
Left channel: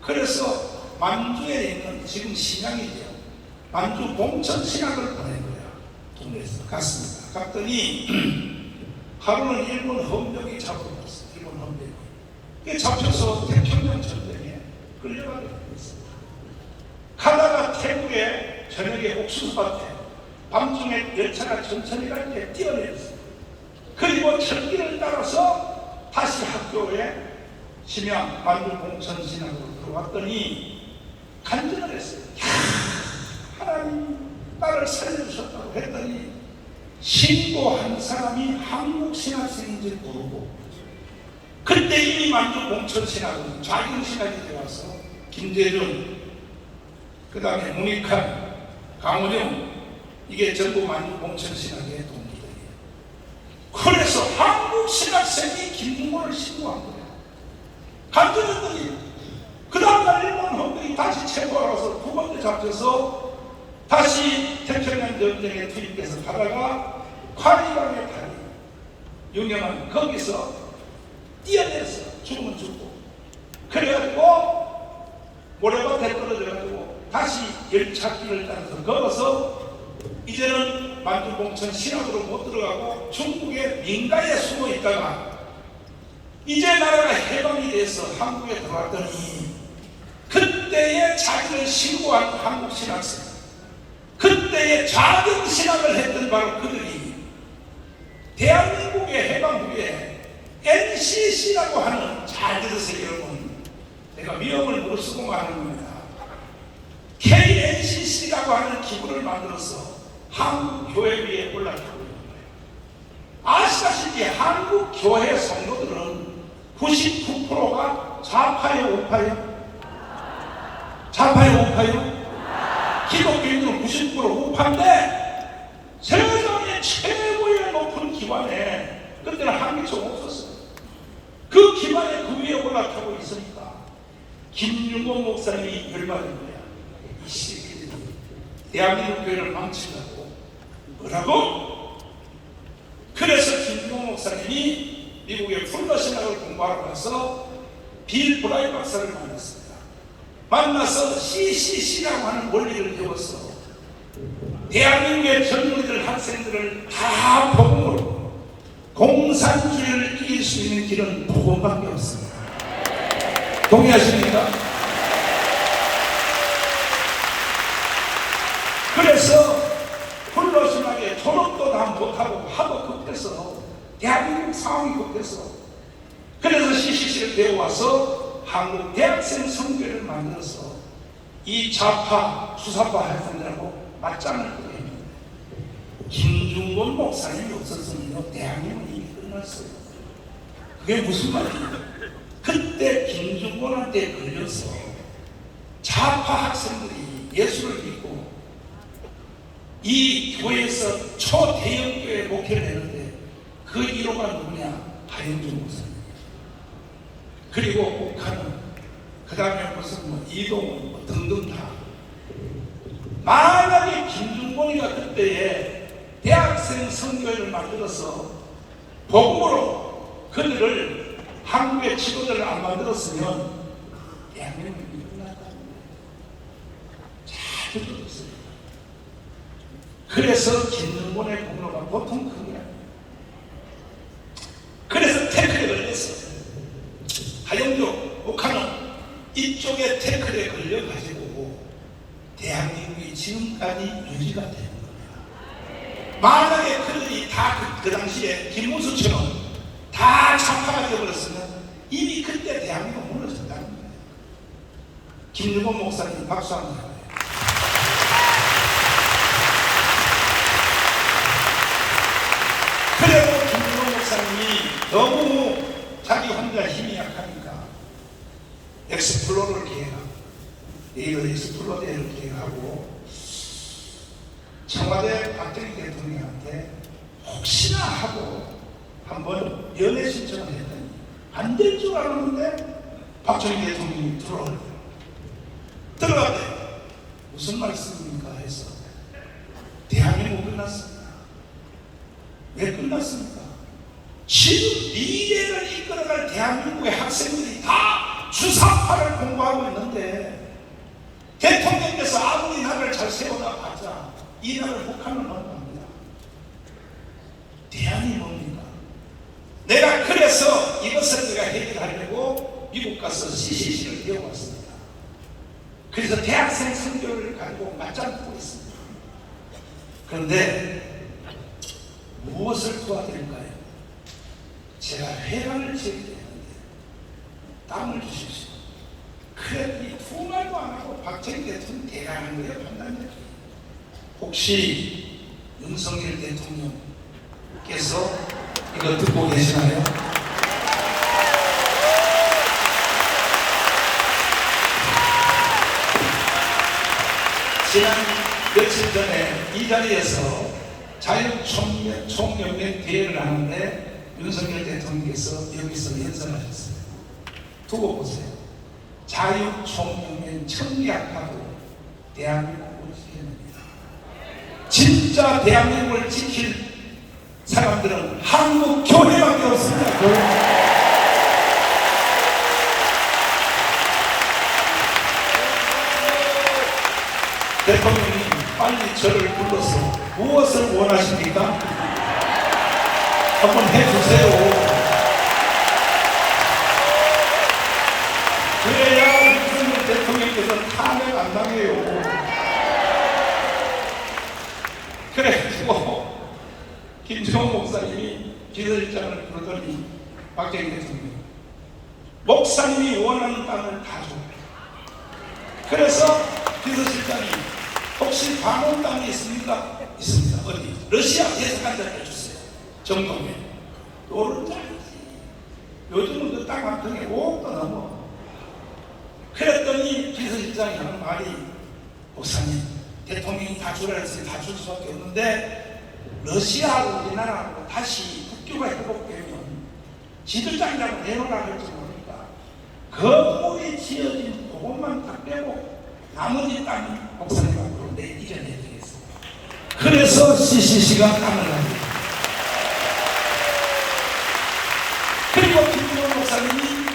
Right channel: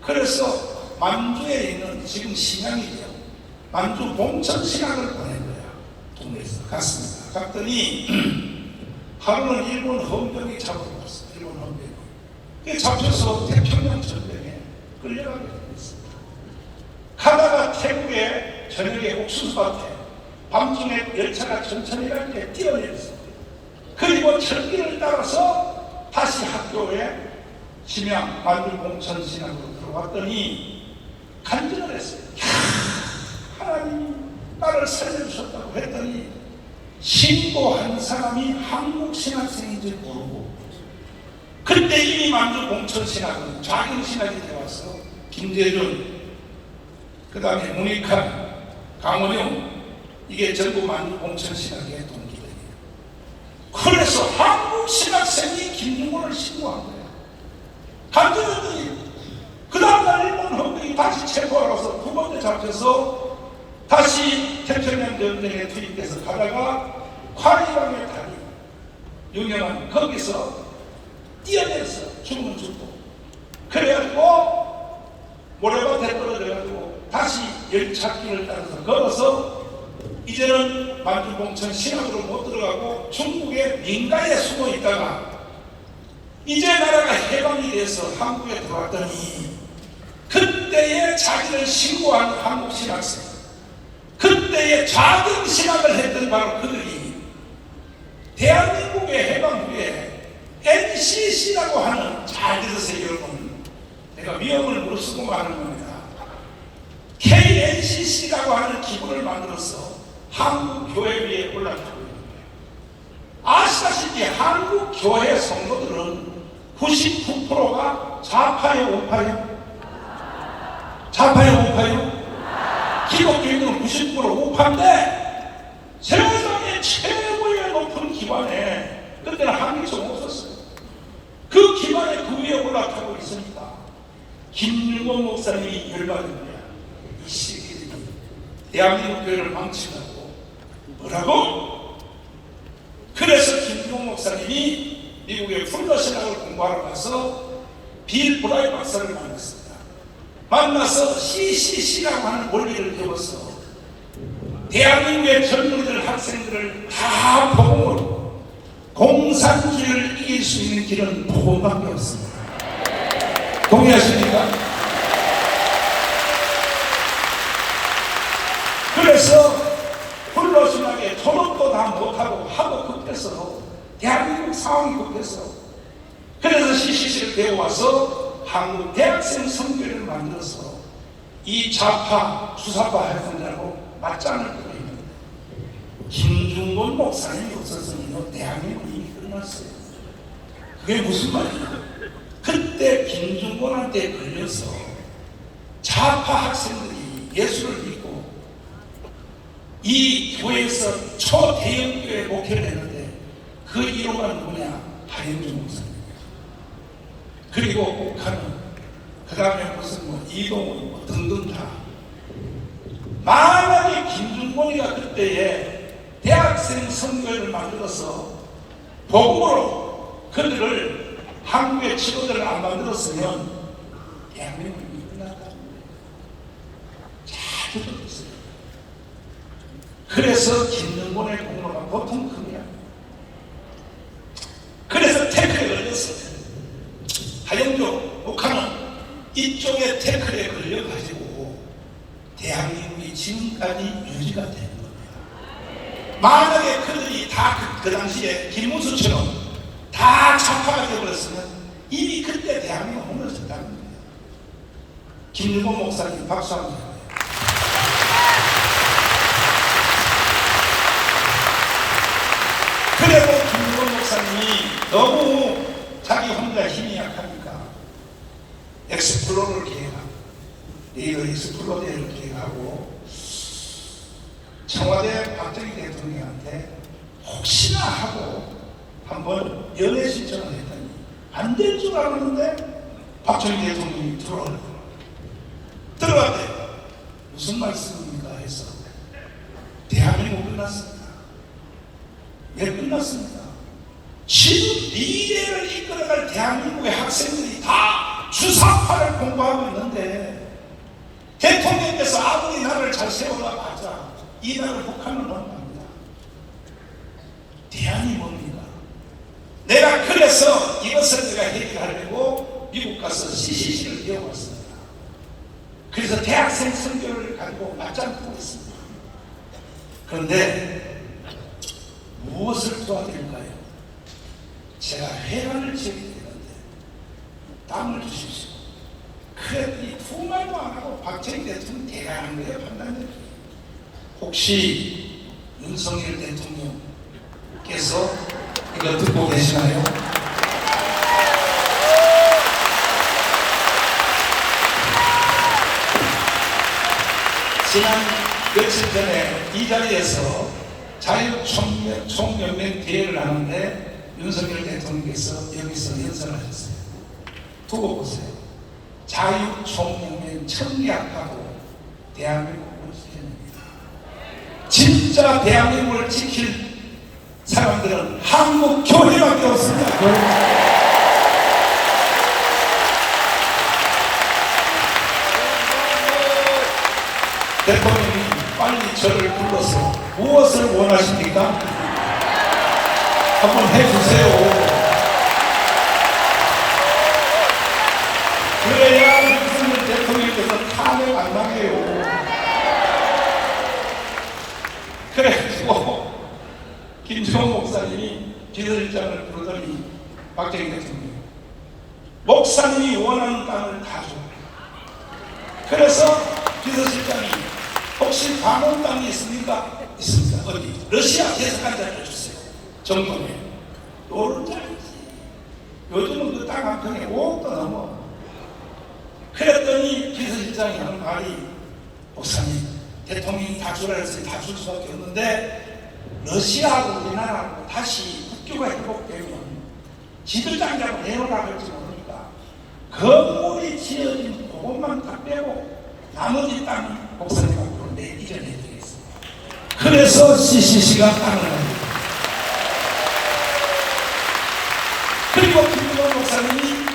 그래서 만주에 있는 지금 신양이죠. 만주 봉천 신학을 보낸 거야. 동네에서 갔습니다. 갔더니 하루는 일본 헌병이 잡으러 갔어. 일본 헌병이. 잡혀서 태평양 전쟁에 끌려가게 됐습니다. 가다가 태국에 저녁에 옥수수밭에 밤중에 열차가 천천히 갈 때 뛰어내렸어요. 그리고 철길을 따라서 다시 학교에 심양 만주 봉천 신학으로 들어왔더니 간증을 했어요. 하나님 나를 살려주셨다고 했더니 신고한 사람이 한국 신학생인지 모르고 그때 이미 만주 봉천 신학은 좌경 신학이 되어서 김대중 그 다음에 문익환 강원영 이게 전부 만주 봉천 신학의 동기들이에요. 그래서 한국 신학생이 김중원을 신고한 거예요. 간주들이 그 다음날 일본 헌병이 다시 체포하러서 두 번째 잡혀서 다시 태평양 전쟁에 투입돼서 가다가 과리방의 다리 유명한 거기서 뛰어내려서 죽으면 죽고 그래가지고 모래밭에 떨어져가지고 다시 열차길을 따라서 걸어서 이제는 만주봉천 신학으로 못 들어가고 중국의 민가에 숨어 있다가 이제 나라가 해방이 돼서 한국에 들어왔더니 그때의 자기를 신고한 한국 신학생, 그때의 좌경 신학을 했던 바로 그들이 대한민국의 해방 후에 NCC라고 하는, 잘 들으세요 여러분, 내가 위험을 무릅쓰고 말하는 겁니다. KNCC라고 하는 기구를 만들어서 한국 교회 위에 올라타고 아시다시피 한국 교회 성도들은 99%가 좌파요, 우파요? 좌파요, 우파요? 기독교인들은 90% 우파인데 세상의 최고의 높은 기관에 그때는 한국에서 없었어요. 그 기관에 그 위에 올라타고 있으니까 김윤곤 목사님이 열받은 거야. 이 새끼들이 대한민국 교회를 망치려고 뭐라고? 그래서 김윤곤 목사님이 미국의 풀더 신학을 공부하러 가서 빌 브라이 박사를 만났습니다. 만나서 CCC라고 하는 원리를 배워서 대한민국의 젊은이들, 학생들을 다 복음으로, 공산주의를 이길 수 있는 길은 복음밖에 없습니다. 동의하십니까? 그래서 불러심하게 졸업도 다 못하고 하도 급해서, 대한민국 상황이 급해서, 그래서 CCC를 배워와서 한국 대학생 선교를 만들어서 이 좌파, 주사파 활동자하고 맞짱을 뜨게 했는데 김중곤 목사님이 없었으면 대한민국은 이미 끝났어요. 그게 무슨 말이냐? 그때 김중곤한테 걸려서 좌파 학생들이 예수를 믿고 이 교회에서 초대형 교회 목회를 했는데 그 1호가 누구냐? 하영준 목사님. 그리고 북한은 그 다음에 무슨 뭐 이동훈 뭐 등등 다. 만약에 김중곤이가 그때에 대학생 선교회를 만들어서 복음으로 그들을 한국의 지도자를 안 만들었으면 대한민국이 끝났다. 잘 들어보세요. 그래서 김중곤의 공로가 보통 큽니다. 그래서 태클에 걸렸어요. 하영조, 북한은 이쪽에 태클에 걸려가지고 대한민국이 지금까지 유지가 되는 겁니다. 만약에 그들이 다 그 당시에 김문수처럼 다 좌파가 되어버렸으면 이미 그때 대한민국 무너졌다는 거예요. 김윤곤 목사님 박수 한번 해요. 그래도 김윤곤 목사님이 너무 자기 혼자 힘이 약하니까 엑스플로러를 계획하고 엑스플로러 대회를 계획하고 청와대 박정희 대통령한테 혹시나 하고 한번 연애 신청을 했더니 안 될 줄 알았는데 박정희 대통령이 들어갔대. 무슨 말씀입니까? 해서 대한민국 끝났습니다. 왜 끝났습니까? 지금 미래를 이끌어갈 대한민국의 학생들이 다 주사파를 공부하고 있는데 대통령께서 아무리 나라를 잘 세워놔봤자 이 나라를 북한을 넘어갑니다. 대안이 뭡니까? 내가 그래서 이것을 내가 해결하려고 미국 가서 CCC를 배워왔습니다. 그래서 대학생 선교를 가지고 맞짱 뜨고 있습니다. 그런데 무엇을 도와드릴까요? 제가 회관을 지어야 되는데 땅을 주십시오. 그랬더니 두 말도 안 하고 박정희 대통령 대가하는 거예요. 판단력이. 혹시 윤석열 대통령께서 이거 듣고 계시나요? 지난 며칠 전에 이 자리에서 자유총연맹 대회를 하는데 윤석열 대통령께서 여기서 연설하셨어요. 두고 보세요. 자유총명의 청리학하고 대한민국을 지켜냅니다. 진짜 대한민국을 지킬 사람들은 한국 교회밖에 없습니다. 교회. 대통령이 빨리 저를 불러서 무엇을 원하십니까? 한번 해주세요. 그래야 윤석열 대통령께서 탄핵 안 당해요. 그래가지고 김정은 목사님이 비서실장을 부르더니 박정희 대통령 목사님이 원하는 땅을 다 줘. 그래서 비서실장이 혹시 방언 땅이 있습니까? 있습니다. 어디? 러시아 대사관 잡혀 주세요. 정동에. 요런 땅이지. 요즘은 그 땅 한 평에 5억도 넘어. 그랬더니 비서실장이 하는 말이 목사님 대통령이 다 주라 했으니 다 줄 수밖에 없는데 러시아하고 우리나라하고 다시 국교가 회복되면 지도장이라고 내놓으라 그럴지 모르니까 건물이 지어진 그것만 다 빼고 나머지 땅이 목사님 앞으로 이겨내드리겠습니다. 그래서 CCC가 땅을 납니다. 그리고 김정은 목사님이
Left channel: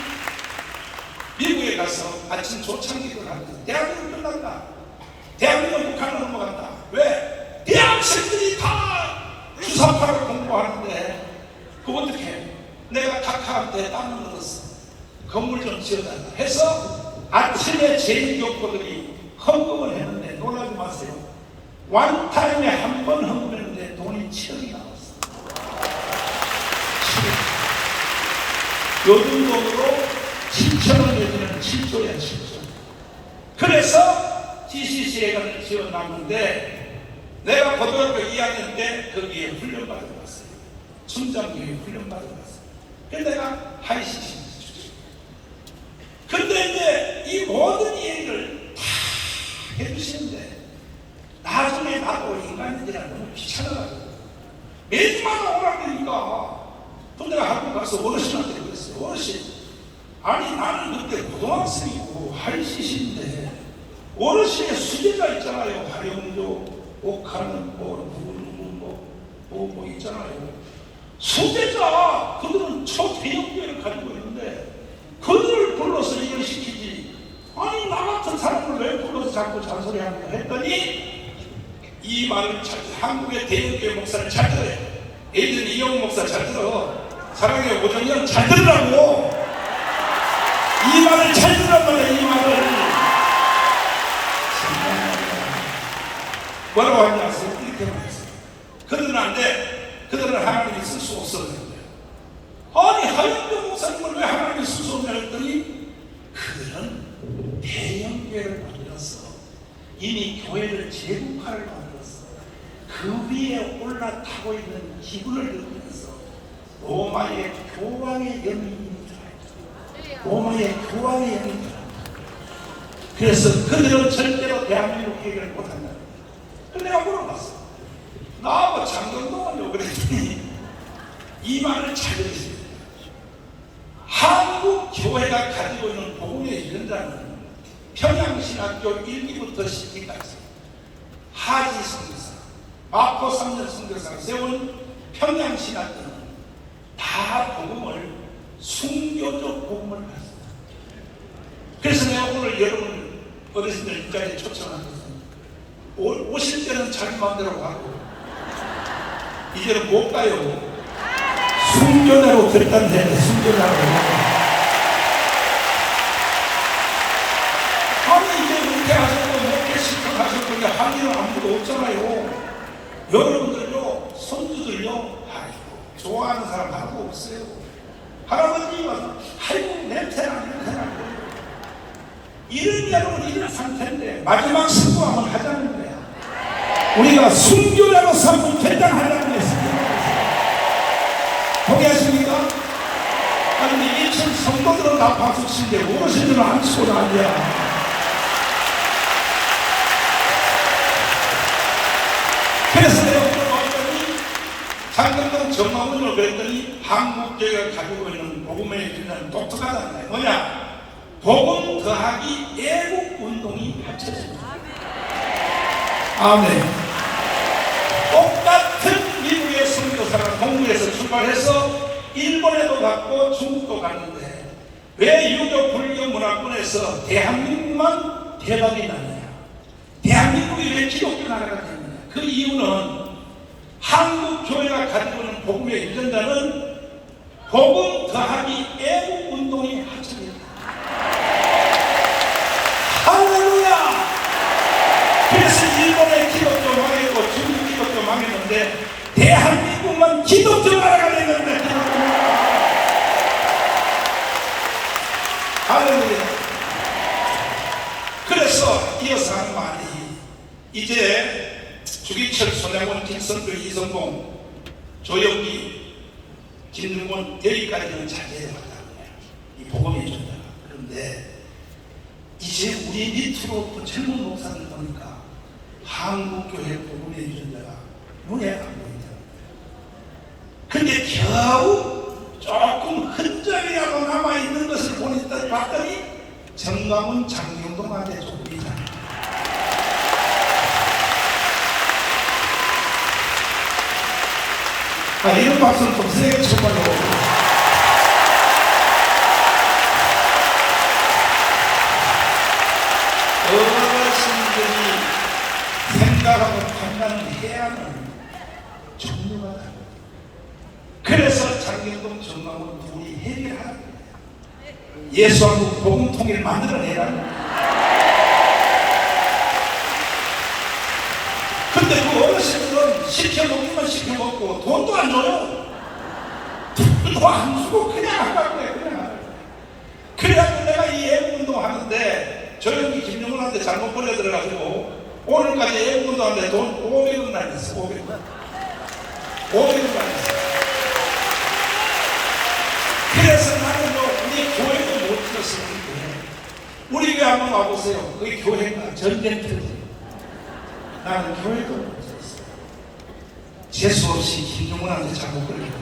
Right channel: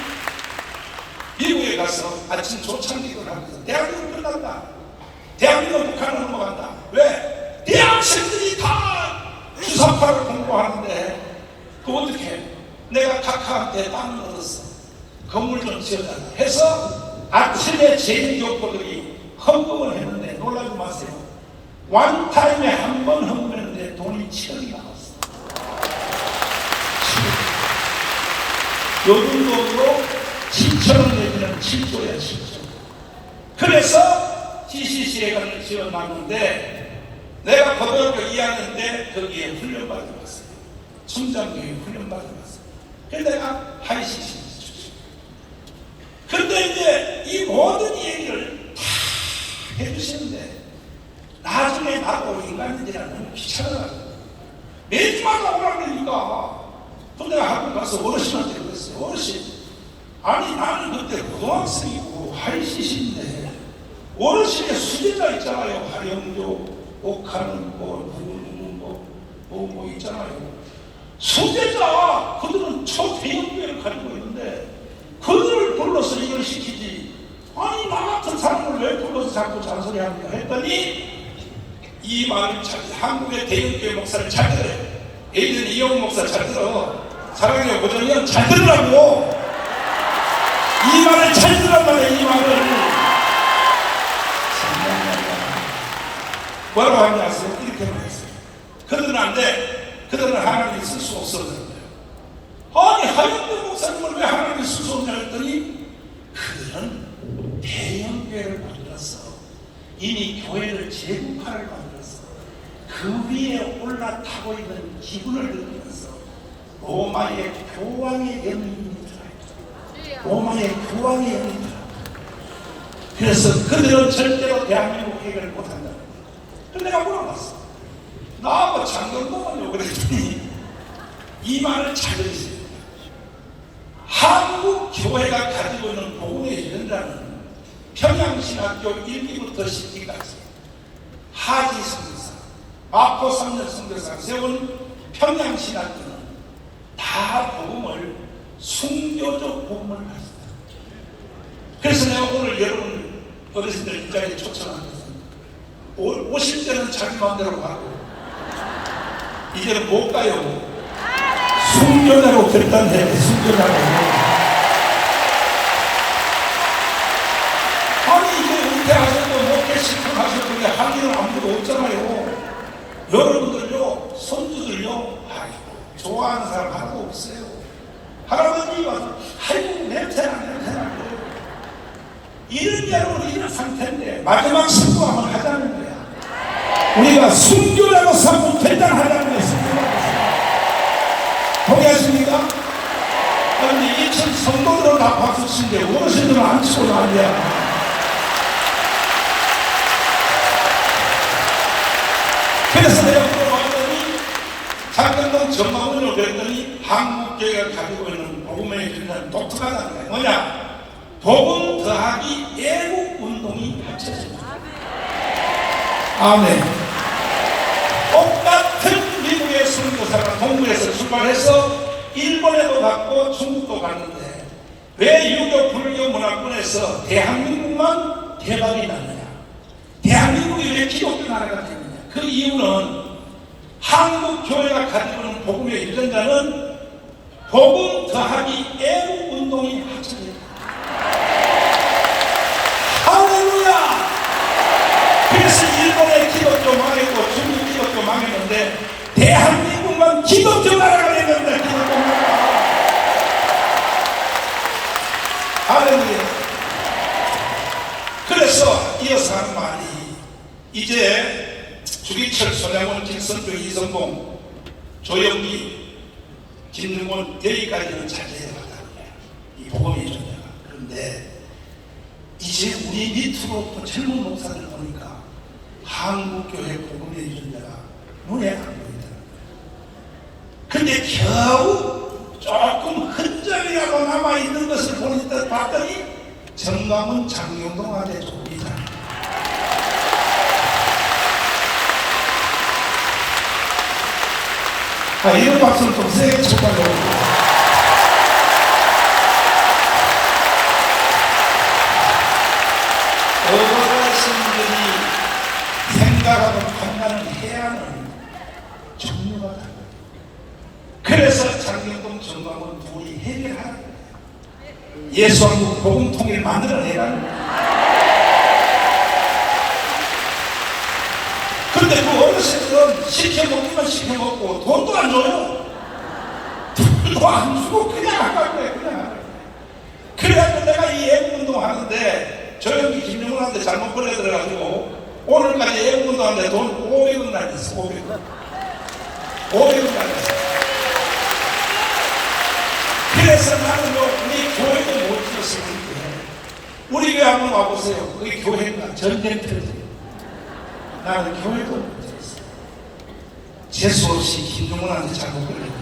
미국에 가서 아침 조창기도 하면서 대한민국 끝난다. 대한민국 북한으로 넘어간다. 왜? 대학생들이 다 주사파를 공부하는데 그거 어떻게 내가 각하한테 땅을 얻었어. 건물 좀 지어달라 해서 아침에 제2교포들이 헌금을 했는데 놀라지 마세요. 원타임에 한 번 헌금했는데 돈이 7억이 나왔어. 7억. 요즘 돈으로 7천원 내지는 7조야 7조. 그래서 GCC에 지원받는데 내가 고등학교 2학년 때 거기에 훈련받아 갔어요. 춘장교에 훈련받아 갔어요. 그래서 내가 하이CC 출신. 근데 이제 이 모든 얘기를 다 해주시는데 나중에 나도 인간인지라 너무 귀찮아가지고 매주마다 오라고 그러니까 근데 내가 학교 가서 어르신한테 그랬어요. 어르신 아니 나는 그때 고등학생이고 하이CC인데 어르신의 수제자 있잖아요. 하영조, 옥하는 뭐 있잖아요. 수제자 그들은 초대형계를 가지고 있는데 그들을 불러서 이걸 시키지 아니 나 같은 사람을 왜 불러서 자꾸 잔소리합니까 했더니 이 말을 한국의 대형교회 목사를 잘 들어요. 예전 이영훈 목사 잘 들어. 사랑의 오정현 잘 들으라고. 이 말을 잘 들란 말이야. 이 말을 뭐라고 하냐 아세요? 이렇게 말했어요. 그들은 안 돼. 그들은 하나님이 쓸 수 없어. 아니 하영대 목사님을 왜 하나님이 쓸 수 없냐 했더니 그들은 대형교회를 만들었어. 이미 교회를 제국화를 만들었어. 그 위에 올라타고 있는 기분을 느끼면서 로마의 교황의 영이 들어요. 로마의 교황의 영이 들어요. 그래서 그들은 절대로 대한민국 해결을 못한다. 그래서 내가 물어봤어. 나하고 장동건이요 그랬더니 이 말을 잘 들으세요. 한국 교회가 가지고 있는 복음의 유전자는 평양신학교 1기부터 10기까지 하지 선교사, 마포 3년 선교사가 세운 평양신학교는 다 복음을 순교적 복음을 가졌다. 그래서 내가 오늘 여러분 어르신들 이 자리에 초청한 것은 50대는 자기 마음대로 가고 이제는 못 가요. 순교자로 결단돼. 순교자로. 아니 이제 은퇴하셨고 못해 실컷하셨고 할 일은 아무도 없잖아요. 여러분들요 손주들요 아이고 좋아하는 사람 하나도 없어요. 할아버님이 와서 아이고 냄새나 이런 여러분 이런 상태인데 마지막 승부 한번 하자는 거야. 우리가 순교자로서 한번 결단하자는 거야. 동의하십니까? 그런데 2층 성도들은 다 박수 치는데 어르신들은 안 치고 난리야. 그래서 내가 물어봤더니 장경동 정마군으로 그랬더니 한국교회가 가지고 있는 복음의 유전자는 독특하다는 거야. 뭐냐? 복음 더하기 애국 운동이 합쳐집니다. 아멘. 똑같은 미국의 선교사가 동부에서 출발해서 일본에도 갔고 중국도 갔는데 왜 유교 불교 문화권에서 대한민국만 대박이 났느냐? 대한민국이 왜 기독교 나라가 됐느냐? 그 이유는 한국 교회가 가지고 있는 복음의 유전자는 복음 더하기 애국 운동이 합쳐졌다. 할렐루야! 그래서 일본의 기독교 망했고 중국 기독교 망했는데 대한민국만 기독교 나라가 됐는데 기독교 나라. 할렐루야! 그래서 이어서 하는 말이 이제 주기철, 손양원, 김선들, 이성봉, 조영기, 김능원 여기까지는 잘 내려갔다는 거야. 이 복음의 존재가. 그런데 이제 우리 밑으로 또 젊은 목사들 보니까 한국교회 복음의 존재가 눈에 안 보인다는 거야. 근데 겨우 조금 흔적이라도 남아있는 것을 봤더니 정광훈, 장경동한테 조금이잖아. 이런 박수를 좀 세게 쳐봐요. 어르신들이 생각하고 판단을 해야 하는 종류가 다르다. 그래서 장경동, 정광훈 둘이 해결하는 거예요. 예수하고 복음 통일 만들어내라는 거예요. 근데 그 어르신들은 시켜먹기만 시켜먹고 돈도 안 줘요. 돈도 안 주고 그냥 하라고 그래. 그냥 하라고 그래. 그래가지고 내가 이 애국운동 하는데 조영기 김영훈한테 잘못 걸려들어가지고 오늘까지 애국운동 하는데 돈 500원 날렸어. 500원. 500원 날렸어. 그래서 나는 우리 교회도 못 지었으니까 우리 교회 한번 와보세요. 우리 교회가 전쟁터지. 나는 교회도 못 지었어. 재수없이 김종훈한테 잘못 걸렸다.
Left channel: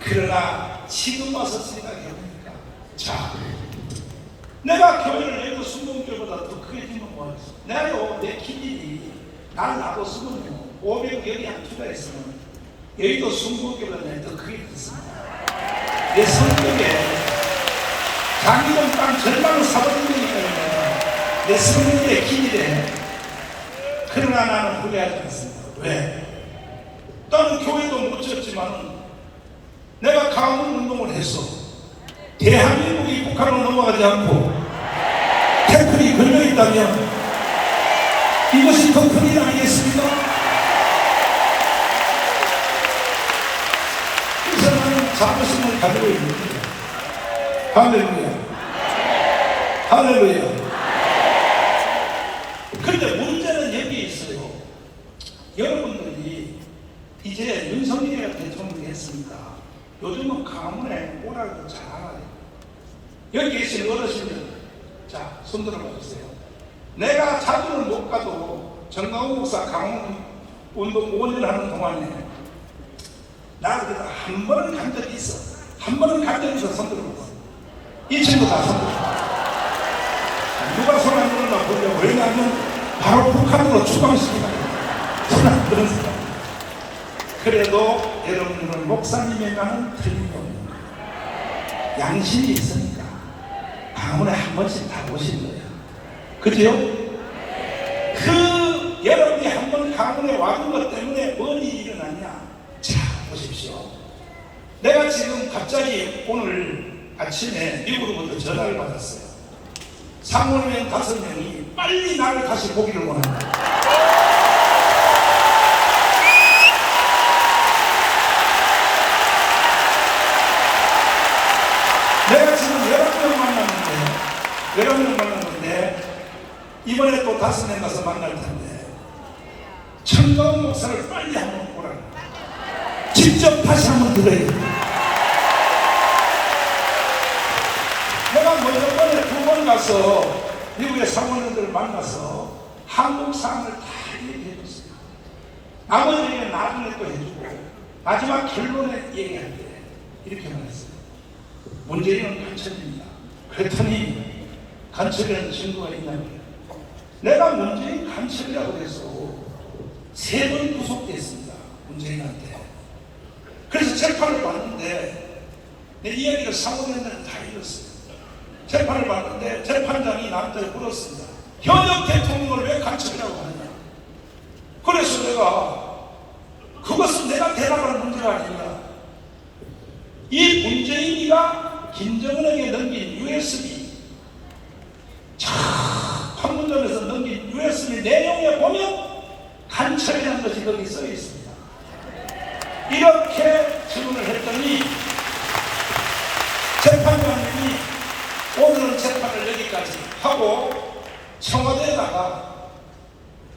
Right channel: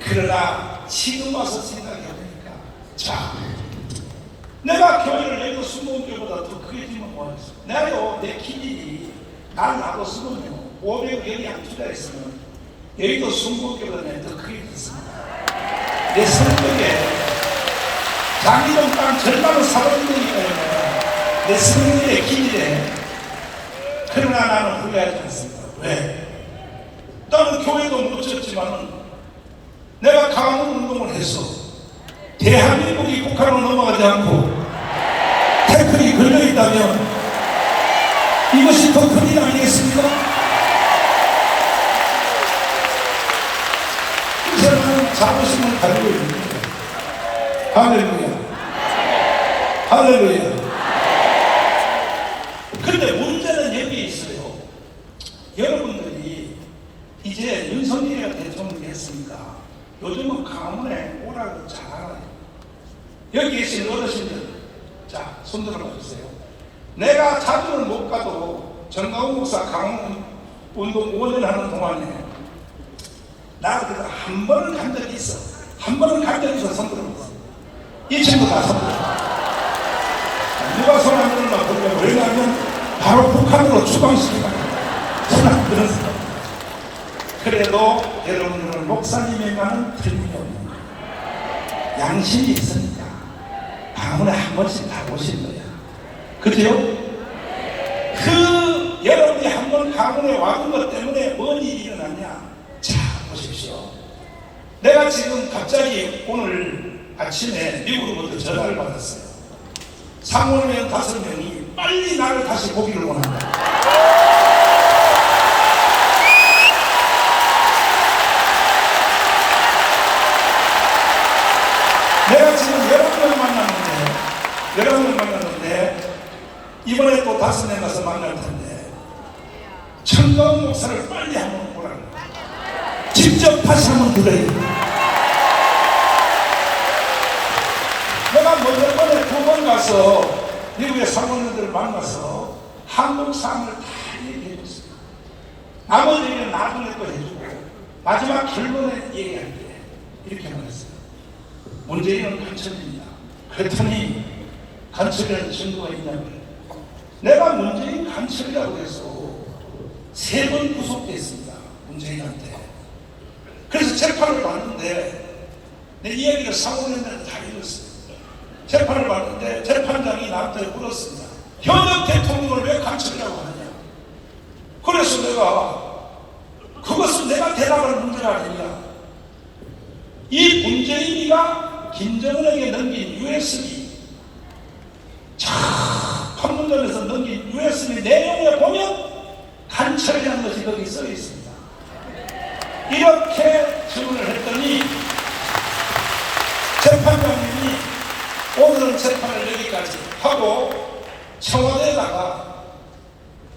그러나 지금 와서 생각해보니까 자, 내가 교회를 내도 순복음교보다 더 크게 지면 뭐하겠어. 내가요, 내 기질이 날 놔뒀으면요 500억 여기 한 투자했으면 여기도 순복음교보다 더 크게 됐습니다. 내 성격에 장기동 땅 절반을 사버리니까요. 내 성격의 기질에. 그러나 나는 후회하지 않습니다. 왜? 나는 교회도 못 지었지만은 내가 강원 운동을 해서 대한민국이 북한으로 넘어가지 않고 태클이 걸려있다면 이것이 더 큰 일 아니겠습니까? 그래서 나는 자부심을 가지고 있습니다. 할렐루야. 할렐루야. 근데 문제는 여기에 있어요. 여러분들이 이제 윤석열이가 대통령이 했으니까 요즘은 강원에 오라고 잘 알아요. 여기 계신 어르신들, 자, 손 들어봐 주세요. 내가 자주는 못 가도 정강훈 목사 강원 운동 5년 하는 동안에 나 그래도 한 번은 간 적이 있어. 한 번은 간 적이 있어. 손 들어봐. 이 친구 다 손 들어봐. 누가 손 안 들었나 보려고. 왜냐하면 바로 북한으로 추방시키다. 손 안 들었어. 그래도 여러분들은 목사님이라는 틀림이 없는 거예요. 양심이 있으니까 강원에 한 번씩 다 오신 거야. 그죠? 그 여러분이 한 번 강원에 와준 것 때문에 뭔 일이 일어났냐? 자, 보십시오. 내가 지금 갑자기 오늘 아침에 미국으로부터 전화를 받았어요. 상원의원 5명이 빨리 나를 다시 보기를 원한다. 내가 지금 11명 만났는데 이번에 또 5명 가서 만날 텐데 청강 목사를 빨리 한번 보라고. 직접 다시 한번 들어야 돼. 내가 몇 번에 2번 가서 미국의 상원들을 만나서 한국 상황을 다 얘기해줬어요. 나머지는 나중에 또 해주고 마지막 결론에 얘기할 때 이렇게 말했어요. 문재인은 간첩입니다. 그랬더니 간첩이라는 증거가 있냐면 내가 문재인 간첩이라고 해서 3번 구속됐습니다. 문재인한테. 그래서 재판을 받는데 내 이야기를 사고된다는 다 읽었어요. 재판을 받는데 재판장이 나한테 물었습니다. 현역 대통령을 왜 간첩이라고 하느냐. 그래서 내가 그것은 내가 대답할 문제가 아니냐. 이 문재인이가 김정은에게 넘긴 USB 판문점에서 넘긴 USB 내용에 보면 간첩이라는 것이 거기 써 있습니다. 이렇게 질문을 했더니 재판장님이 오늘은 재판을 여기까지 하고 청와대에다가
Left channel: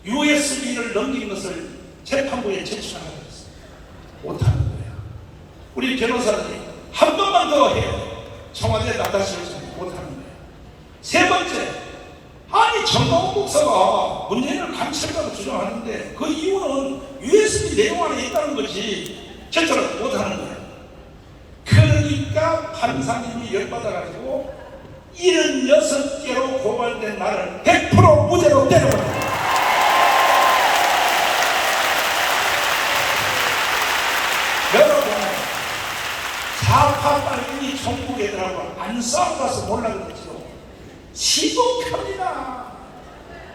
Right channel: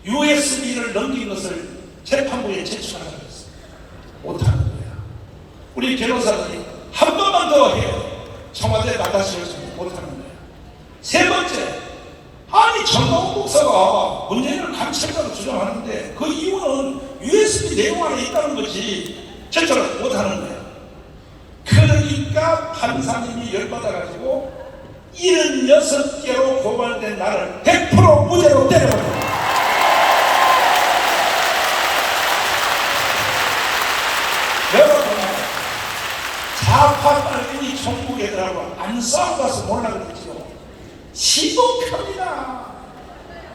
USB를 넘긴 것을 재판부에 제출하라고 했어요. 못하는 거야. 우리 변호사들이 한 번만 더 해요. 청와대에다 다시 요청 못하는 거야. 3번째, 아니 정광훈 목사가 문재인을 간첩이라고 주장하는데 그 이유는 USB 내용 안에 있다는 거지 제출을 못하는 거야. 그러니까 판사님이 열받아가지고 76개로 고발된 나를 100% 무죄로 때려버려요. 여러분, 좌파 빨갱이 종북 애들하고 안 싸워가서 몰라 그러죠. 시국합니다.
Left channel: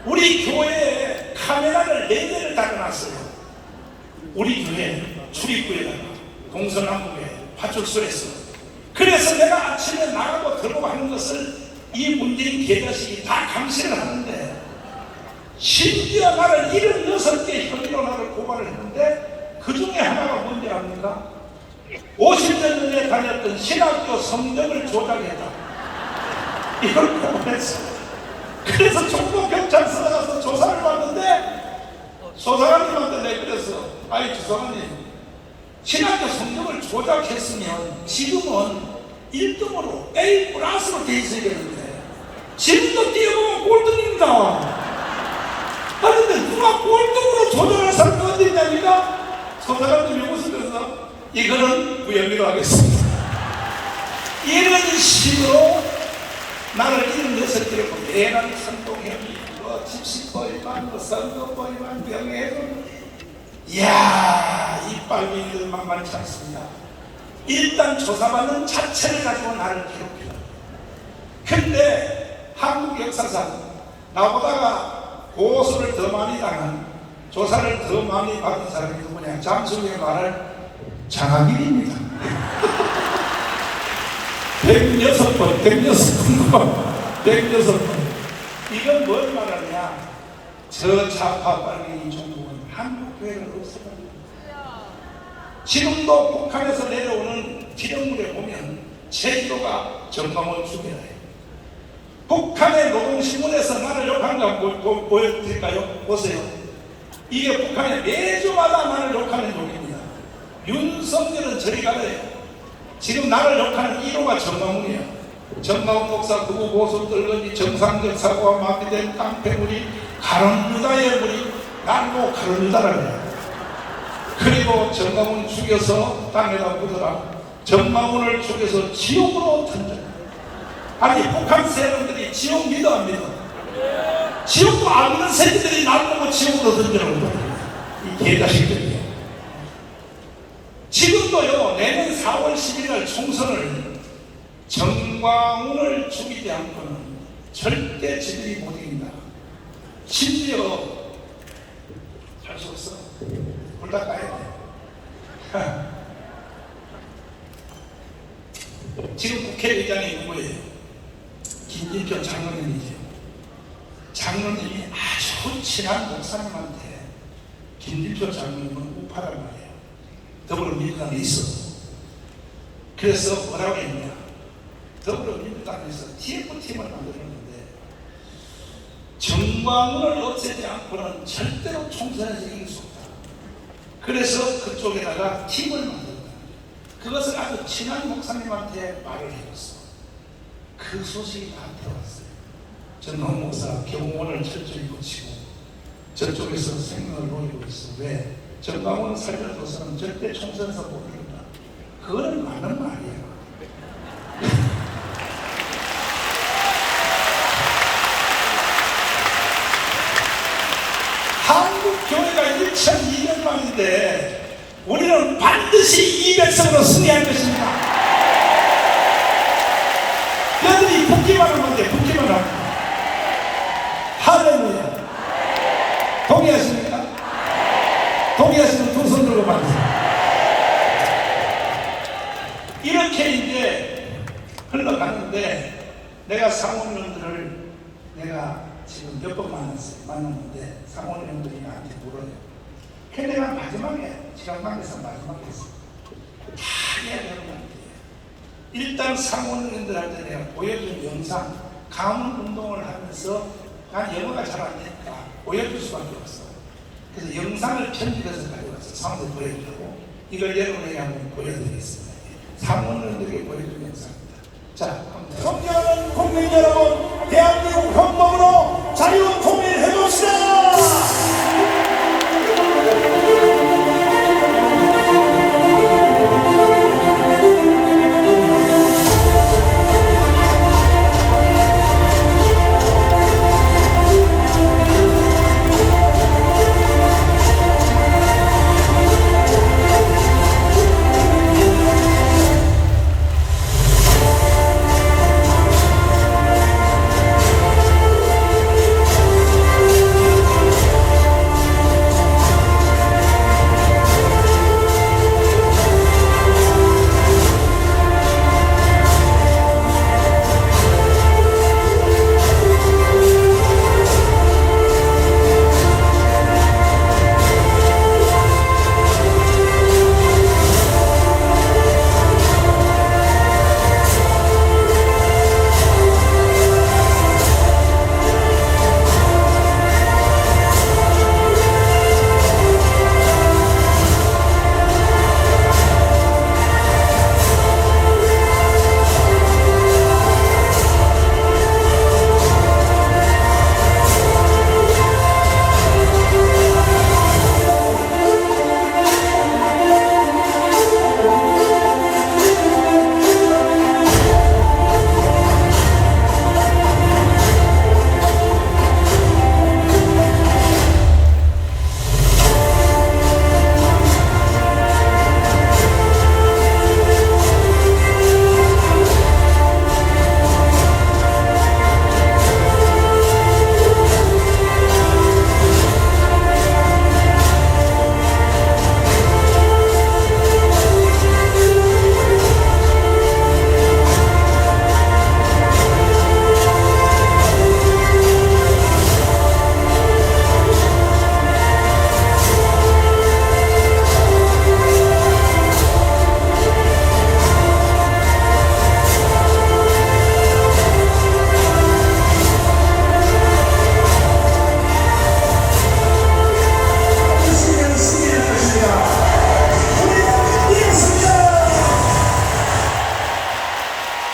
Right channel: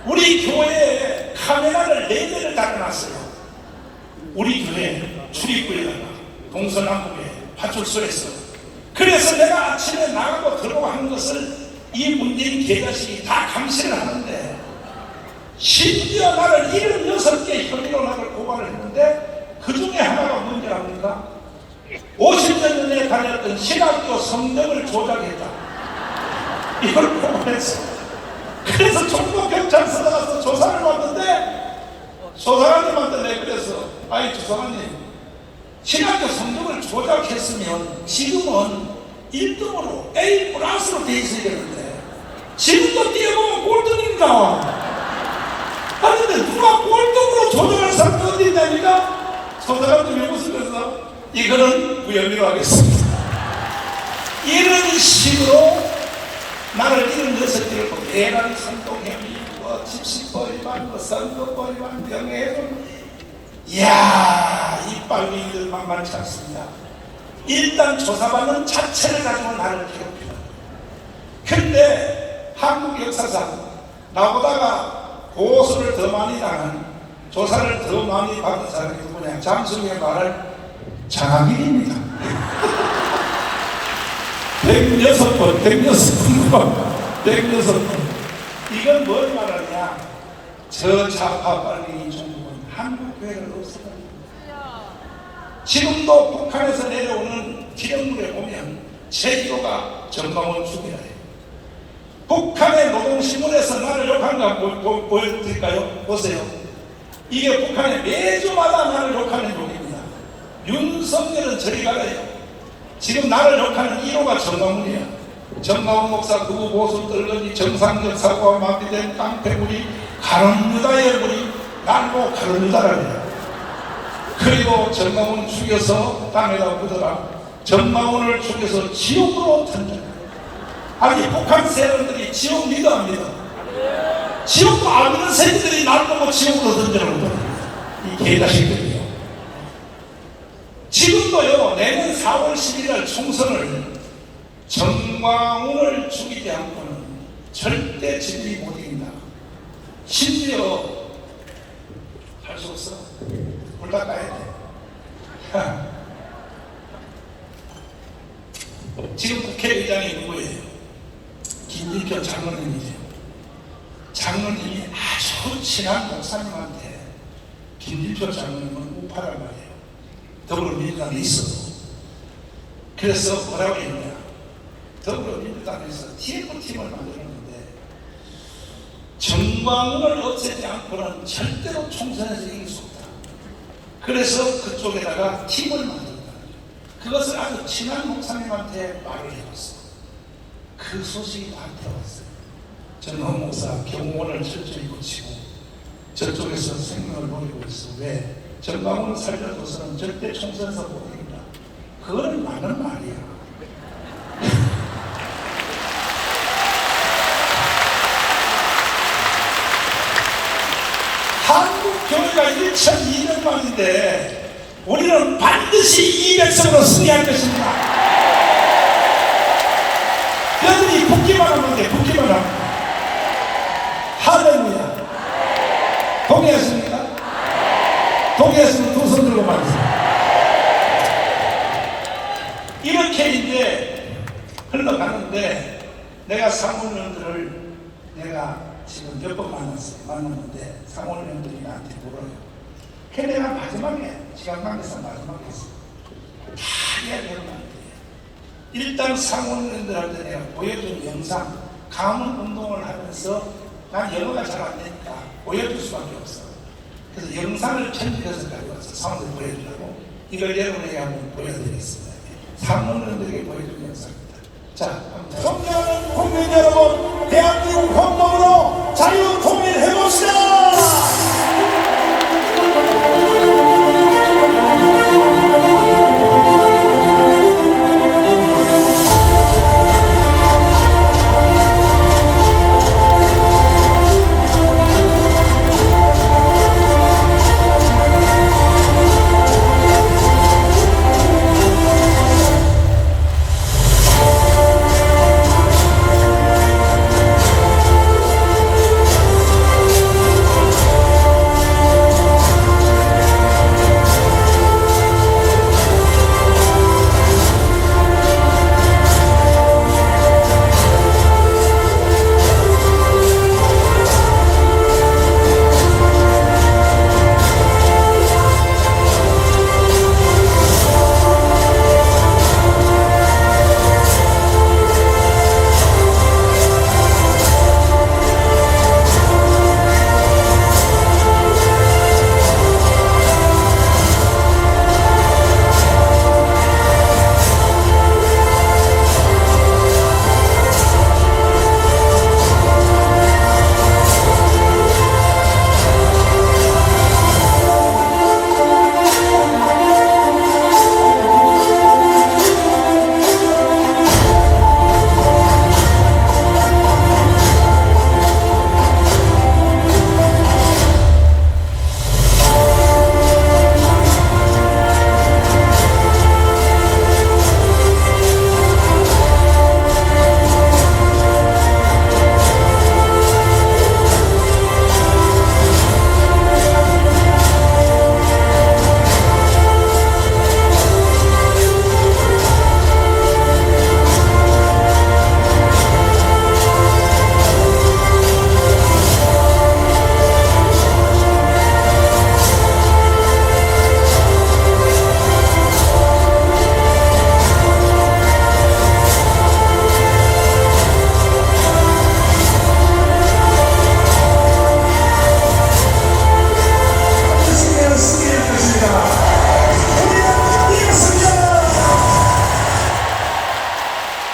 우리 교회에 카메라를 4대를 달아놨어요. 우리 교회 출입구에다가 동서남북에 파출소에서. 그래서 내가 아침에 나가고 들어가고 하는 것을 이 문재인 개자식이 다 감시를 하는데 심지어 나를 76개 혐의로 나를 고발을 했는데 그 중에 하나가 뭔지 압니까? 50년 전에 달렸던 신학교 성적을 조작했다. 이걸 고발했어. 그래서 종로경찰서에 가서 조사를 받는데 조사관님한테 내가 그래서 아이 조사관님 신학교 성적을 조작했으면 지금은 1등으로 A 플러스로 돼 있어야 되는데 지금도 뛰어보면 꼴등입니다. 그런데 누가 꼴등으로 조작할 사람이 어디 있냐니까 조사관님이 웃으면서 이거는 무혐의로 하겠습니다. 이런 식으로 나를 76개를 보고 대란 선동혐의, 집시법 위반, 선거법 위반, 명예훼손. 이야, 이 빨갱이들 만만치 않습니다. 일단 조사받는 자체를 가지고 나를 괴롭히다. 근데 한국 역사상 나보다가 고소를 더 많이 당한, 조사를 더 많이 받은 사람이 누구냐? 잠수의 말할 장학일입니다. 106번, 106번. 이건 뭘 말하냐? 저 좌파 빨갱이 종북은 한국 교회를 없애는 지금도 북한에서 내려오는 기념물에 보면 제기로가 정광훈 죽이라요. 북한의 노동신문에서 나를 욕한 거 보여드릴까요? 보세요. 이게 북한에 매주마다 나를 욕하는 욕입니다. 윤석열은 저리 가래요. 지금 나를 욕하는 1호가 정광훈이야. 정광훈 목사 누구 보수 떨거니 정상적 사고와 마비된 깡패물이 가론유다의 물이 날고 가론유다라는 거야. 그리고 정광훈 죽여서 땅에다 묻어라. 정광훈을 죽여서 지옥으로 던져라. 아니 북한 세력들이 지옥 믿어 안 믿어? 지옥도 안 믿는 새끼들이 날 보고 지옥으로 던져라고 봅니다. 이 개자식들이요. 지금도요, 내년 4월 11일 총선을 정광훈을 죽이지 않고는 절대 진리 못 이긴다. 심지어 할 수 없어. 불 다 까야 돼. 지금 국회의장이 누구예요? 김진표 장로님이죠. 장로님이 아주 친한 목사님한테 김진표 장로님은 우파란 말이에요. 더불어민주당에 있어도. 그래서 뭐라고 했냐? 더불어민주당에서 TF팀을 만들었는데 정광훈을 없애지 않고는 절대로 총선에서 이길 수 없다. 그래서 그쪽에다가 팀을 만든다. 그것을 아주 친한 목사님한테 말을 해줬어. 그 소식이 나한테 왔어요. 정광훈 목사 경호원을 철저히 고치고 저쪽에서 생명을 노리고 있어. 왜? 정광훈을 살려줘서는 절대 총선에서 못 이긴다. 그거는 맞는 말이야. 한국 교회가 1,200만인데 우리는 반드시 200석으로 승리할 것입니다. 여러분이 붙기만 하면 돼. 붙기만 하면. 할렐루야. 동의하십니까? 동의하시면 두 손 들고 말씀니다. 이렇게 이제 흘러가는데 내가 상원의원들을 내가 지금 몇 번 만났는데 상원의원들이 나한테 물어요. 그래 내가 마지막에 시간 관계상 마지막에 했어. 다 이야기하는데 일단 상원의원들한테 내가 보여준 영상 가문 운동을 하면서 난 영어가 잘 안 되니까 보여줄 수밖에 없어. 그래서 영상을 편집해서 가져와서 상원을 보여주려고 이걸 여러분에게 한번 보여드리겠습니다. 상원의원들에게 보여준 영상입니다. 자, 존경하는 국민 여러분, 대한민국 헌법으로 자유 통일해봅시다!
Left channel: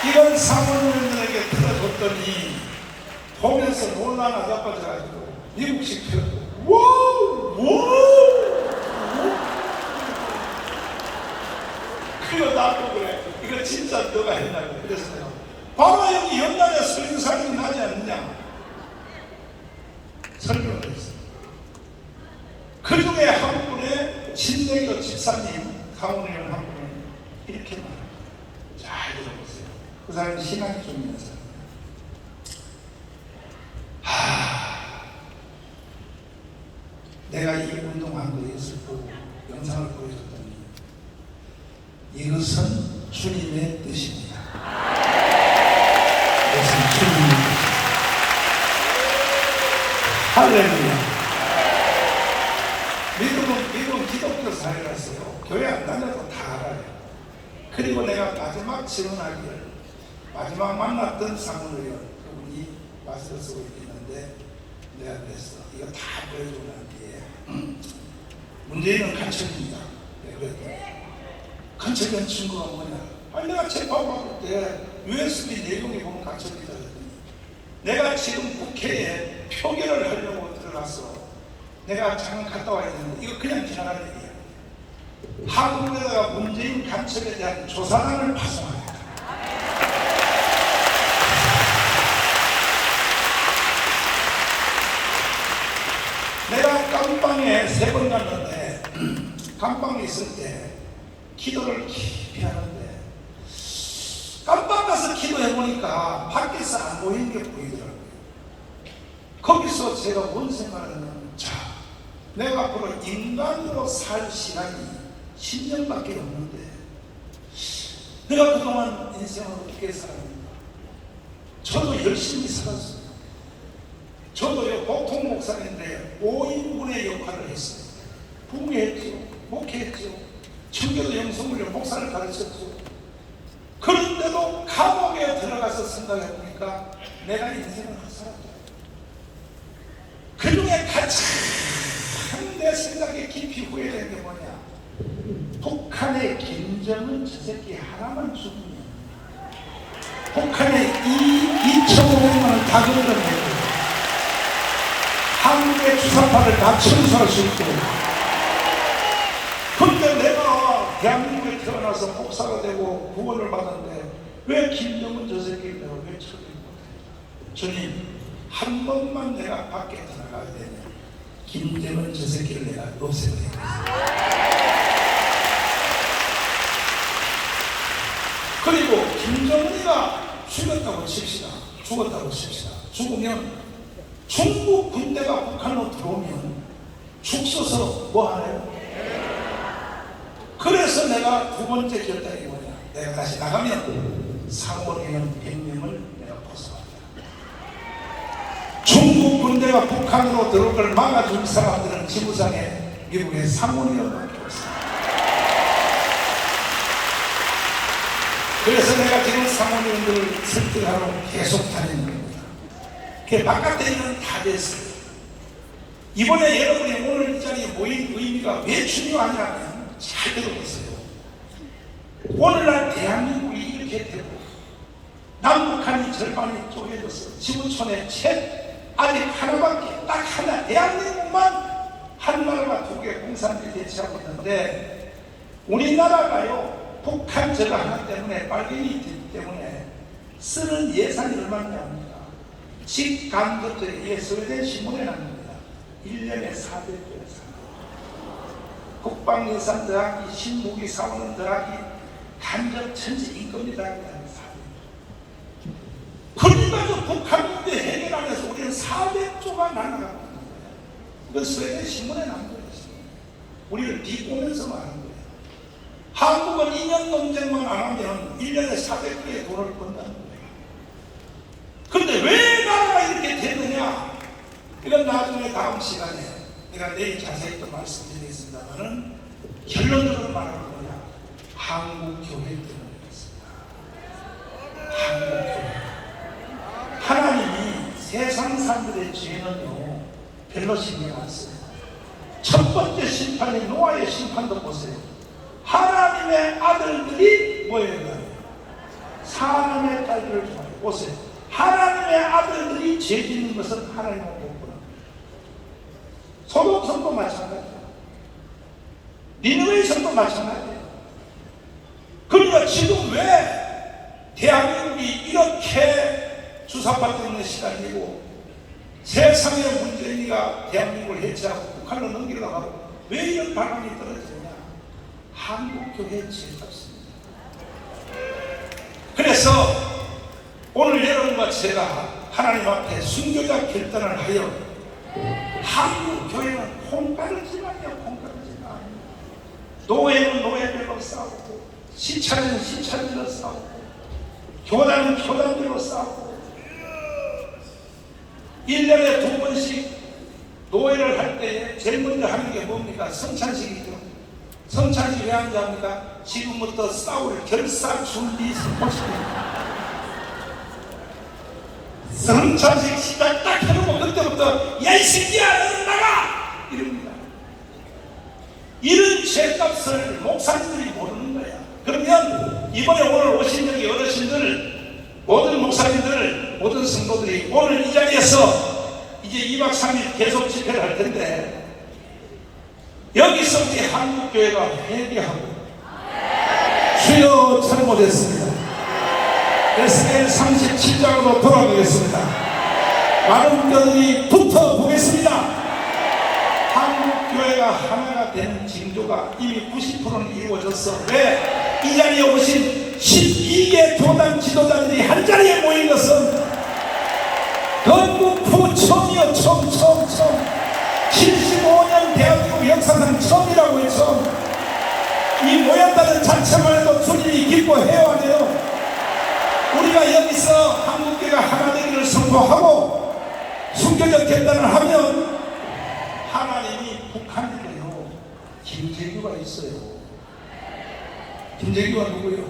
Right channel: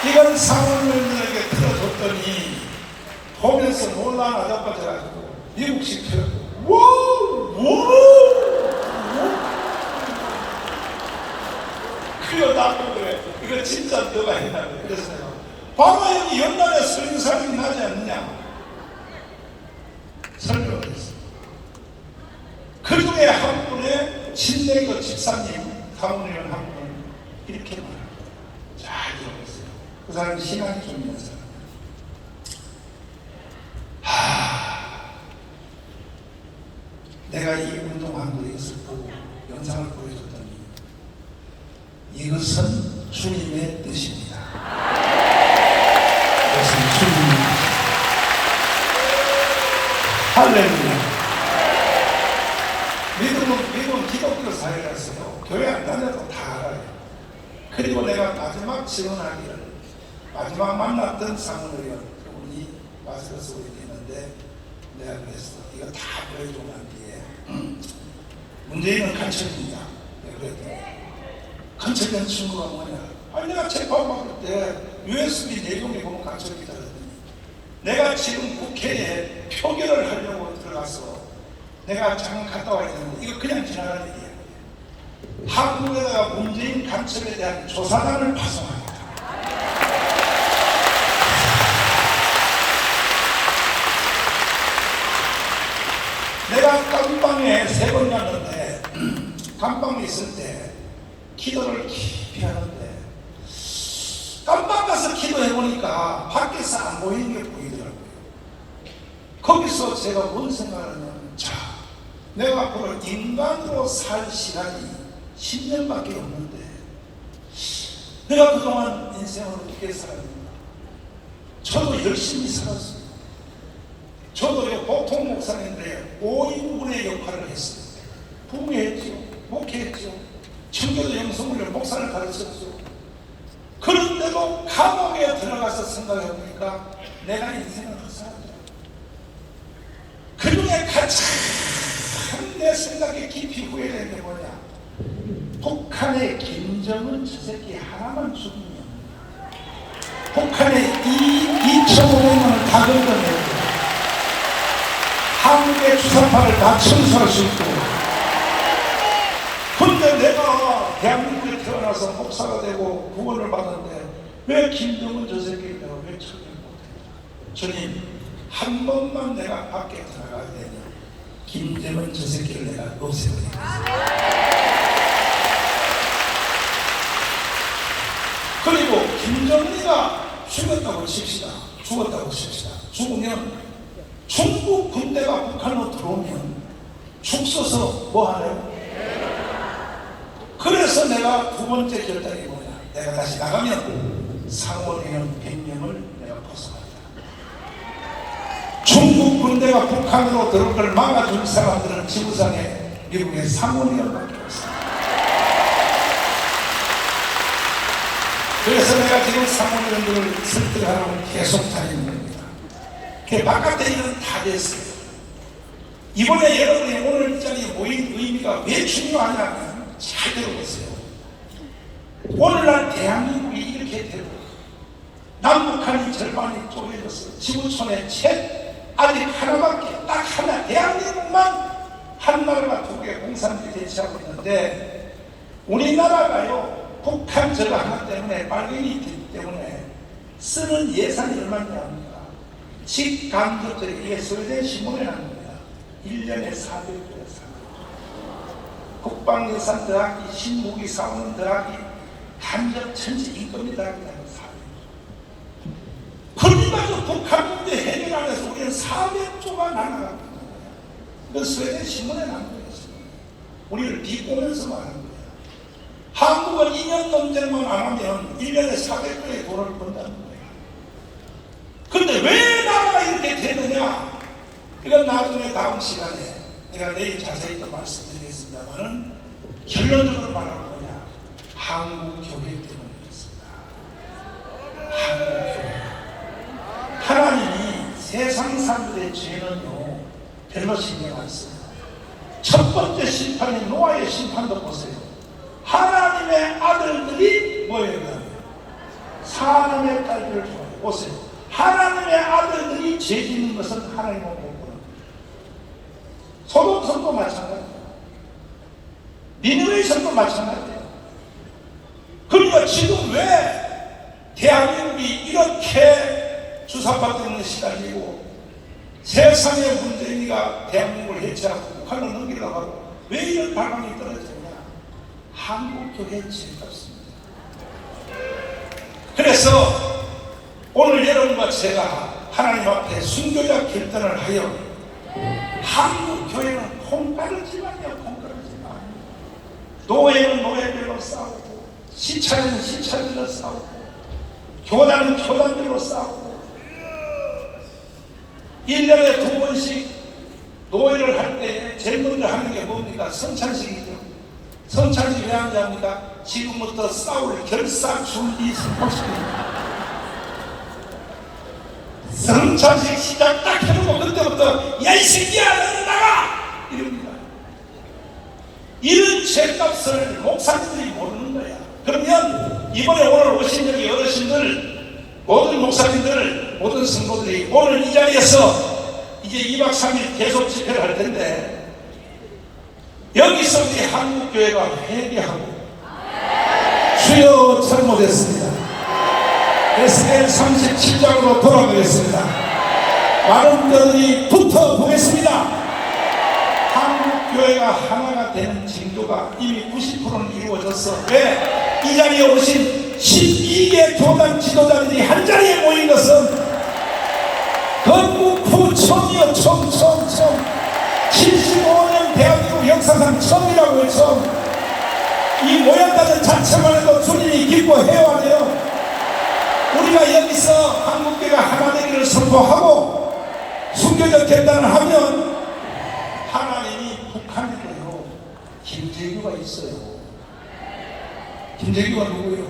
이걸 상원의원들에게 틀어줬더니 보면서 놀라나 자빠져가지고 미국식 틀어주고 그거 나도 그래. 이거 진짜 너가 했다고. 그래서 내가 바로 여기 연단에 설교사님이 나지 않느냐 설교를 했어. 그 중에 한 분의 신대거 집사님 상원의원 한 분은 이렇게 말합니다. 잘 들어보세요. 그 사람이 신앙이 좀 있는 사람. 내가 이 운동한 것을 보고 영상을 보여줬더니 이것은 주님의 뜻입니다. 이것은 주님의 뜻입니다. 할렐루야. 미국은 기독교 사회라서요. 교회 안 다녀도 다 알아요. 그리고 내가 마지막 질문하기를 마지막 만났던 상원의원 그분이 마스크를 쓰고 있는데 내가 그랬어. 이거 다 보여주고 난 뒤에 문재인은 간첩입니다. 그랬더니 간첩이라는 친구가 뭐냐? 아니 내가 재판받을 때 USB 내용에 보면 간첩이다 그랬더니 내가 지금 국회에 표결을 하려고 들어가서 내가 잠깐 갔다 와야 되는데 이거 그냥 지나갈 얘기야. 한국에다가 문재인 간첩에 대한 조사단을 파송하겠다. 내가 감방에 3번 갔는데 감방에 있을 때 기도를 깊이 하는데 감방 가서 기도해보니까 밖에서 안 보이는 게 보이더라고요. 거기서 제가 뭔 생각을 하냐면, 자, 내가 앞으로 인간으로 살 시간이 10년밖에 없는데 내가 그동안 인생을 어떻게 살았는가? 저도 열심히 살았어요. 저도 보통 목사님들의 5인분의 역할을 했어요. 부모했죠, 목회했죠, 청교도 영성훈련 목사를 가르쳤죠. 그런데도 감옥에 들어가서 생각해보니까 내가 인생을 헛살았다. 그중에 가장 내 생각에 깊이 후회되는 게 뭐냐? 북한의 김정은 저 새끼 하나만 죽이면 북한의 2,500만을 다 건너내고 한국의 주사파를 다 청소할 수 있고. 근데 내가 대한민국에 태어나서 목사가 되고 구원을 받았는데 왜 김정은 저 새끼를 내가 왜 처리를 못해? 주님, 한 번만 내가 밖에 나가야 되냐? 김정은 저 새끼를 내가 없애버리겠습니다. 그리고 김정은이가 죽었다고 칩시다. 죽었다고 칩시다. 죽으면 중국 군대가 북한으로 들어오면 죽 서서 뭐 하나요? 그래서 내가 두 번째 결단이 뭐냐? 내가 다시 나가면 상원의원 100명을 내가 포섭한다. 중국 군대가 북한으로 들어올 걸 막아줄 사람들은 지구상에 미국의 상원의원밖에 없습니다. 그래서 내가 지금 상원의원들을 설득하러 계속 다니는 겁니다. 그 바깥에 있는 다 됐어요. 이번에 여러분이 오늘 이 자리에 모인 의미가 왜 중요하냐면 잘 들어보세요. 오늘날 대한민국이 이렇게 되고 남북한이 절반이 쪼개져서 지구촌에 아직 하나밖에 딱 하나 대한민국만 한 나라가 2개 공산주의 대치하고 있는데 우리나라가요 북한 저거 하나 때문에 빨갱이 되기 때문에 쓰는 예산이 얼마냐 합니까? 직간접들이 이게 스웨덴 신문에 납니다. 1년에 400조 예산. 국방 예산 더하기 신무기 사원은 더하기 간접 전체 인건비 더하기 400조. 그러니까 북한 문제 해결 안 해서 우리는 400조가 날아가고 있는 거야. 그 스웨덴 신문에 난 거예요. 우리를 비꼬면서 말한 거예요. 한국은 2년 논쟁만 안 하면 1년에 400조의 돈을 번다는 거예요. 근데 왜 나라가 이렇게 되느냐? 이건 나중에 다음 시간에 내가 내일 자세히 또 말씀드리겠습니다만은 결론적으로 말하는 거냐? 한국교회 때문이었습니다. 한국교회. 하나님이 세상 사람들의 죄는요 별로 신경 안 써요. 첫 번째 심판인 노아의 심판도 보세요. 하나님의 아들들이 뭐예요? 사람의 딸들을 좋아해요. 보세요. 하나님의 아들들이 죄 짓는 것은 하나님은 못 보는 거예요. 소돔 성도 마찬가지예요. 니느웨 성도 마찬가지예요. 그러니까 지금 왜 대한민국이 이렇게 주사파 때문에 시달리고 세상의 문재인이가 대한민국을 해체하고 북한을 넘기려고 하고 왜 이런 발언이 떨어지냐? 한국교회 죄였습니다. 그래서 오늘 여러분과 제가 하나님 앞에 순교자 결단을 하여 한국교회는 콩가루지만이요, 콩가루지만. 노예는 노예별로 싸우고 시차는 시차별로 싸우고 교단은 교단별로 싸우고 1년에 2번씩 노예를 할 때 제일 먼저 하는 게 뭡니까? 성찬식이죠. 성찬식 왜 하는지 압니까? 지금부터 싸울 결사 준비 선포식입니다. 성찬식 시작 딱 해놓고 그때부터 야 이 새끼야 너는 나가! 이럽니다. 이런 죄값을 목사님들이 모르는 거야. 그러면 이번에 오늘 오신 여기 어르신들, 모든 목사님들, 모든 성도들이 오늘 이 자리에서 이제 2박 3일 계속 집회를 할 텐데 여기서 우리 한국교회가 회개하고 주여 잘못했습니다. 에스겔 37장으로 돌아보겠습니다. 많은 분들이 붙어보겠습니다. 한국교회가 하나가 되는 징조가 이미 90%는 이루어졌어. 왜? 이 자리에 오신 12개 교단 지도자들이 한 자리에 모인 것은 건국 처음이요. 처음 75년 대한민국 역사상 처음이라고 해서 이 모였다는 자체만 해도 주님이 기뻐해야 돼요. 우리가 여기서 한국교회가 하나 되기를 선포하고 순교적 결단을 하면 하나님이 북한에도요 김재규가 있어요. 김재규가 누구예요?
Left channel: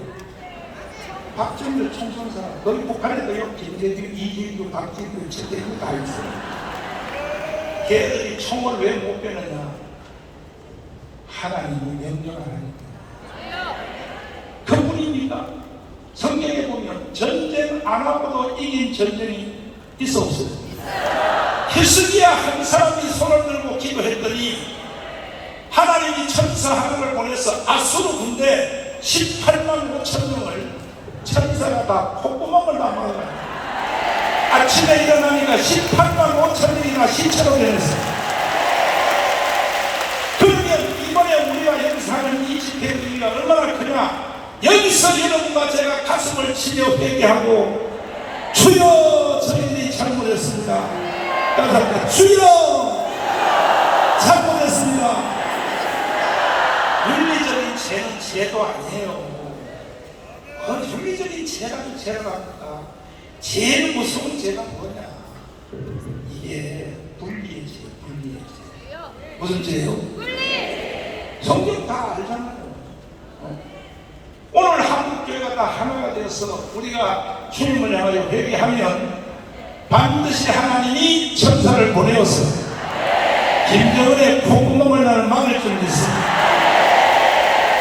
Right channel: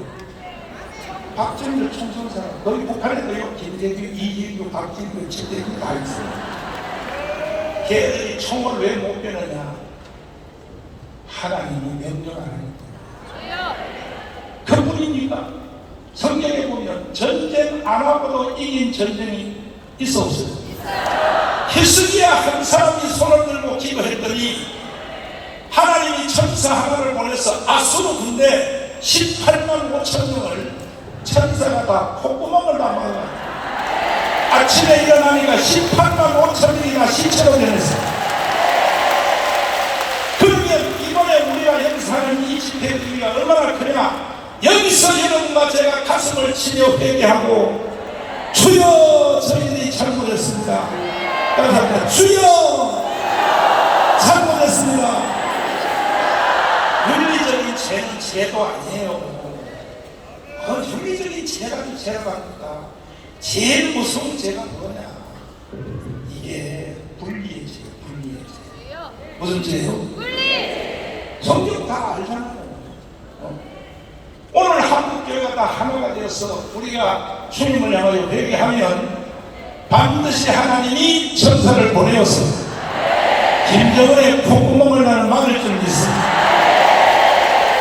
박정희 총선사. 거기 북한에도요 김재규, 이재규, 박진규, 최재규 다 있어요. 걔들이 총을 왜 못 빼느냐? 하나님이 명령을 하니까. 그뿐입니까? 성경에 보면 전쟁 안 하고도 이긴 전쟁이 있어 없어요? 히스기야 한 사람이 손을 들고 기도했더니 하나님이 천사 하나를 보내서 아수르 군대 18만 5천 명을 천사가 다 콧구멍을 다 막아요. 아침에 일어나니까 18만 5천 명이나 시체로 변했어요. 그러면 이번에 우리가 역사하는 이 집회의 의미가 얼마나 크냐? 여기서 여러분과 제가 가슴을 치며 회개하고 주여 저희들이 잘못했습니다. 감사합니다. 주여 잘못했습니다. 윤리적인 죄는 죄도 아니에요. 윤리적인 죄라도 죄라답니다. 제일 무서운 죄가 뭐냐? 이게 불리의 죄, 불리의 죄. 무슨 죄요? 성경 다 알잖아요. 오늘 한국교회가 다 하나가 되어서 우리가 주님을 향하여 회개하면 반드시 하나님이 천사를 보내어서 김정은의 콧구멍을 나는 막을 줄 믿습니다.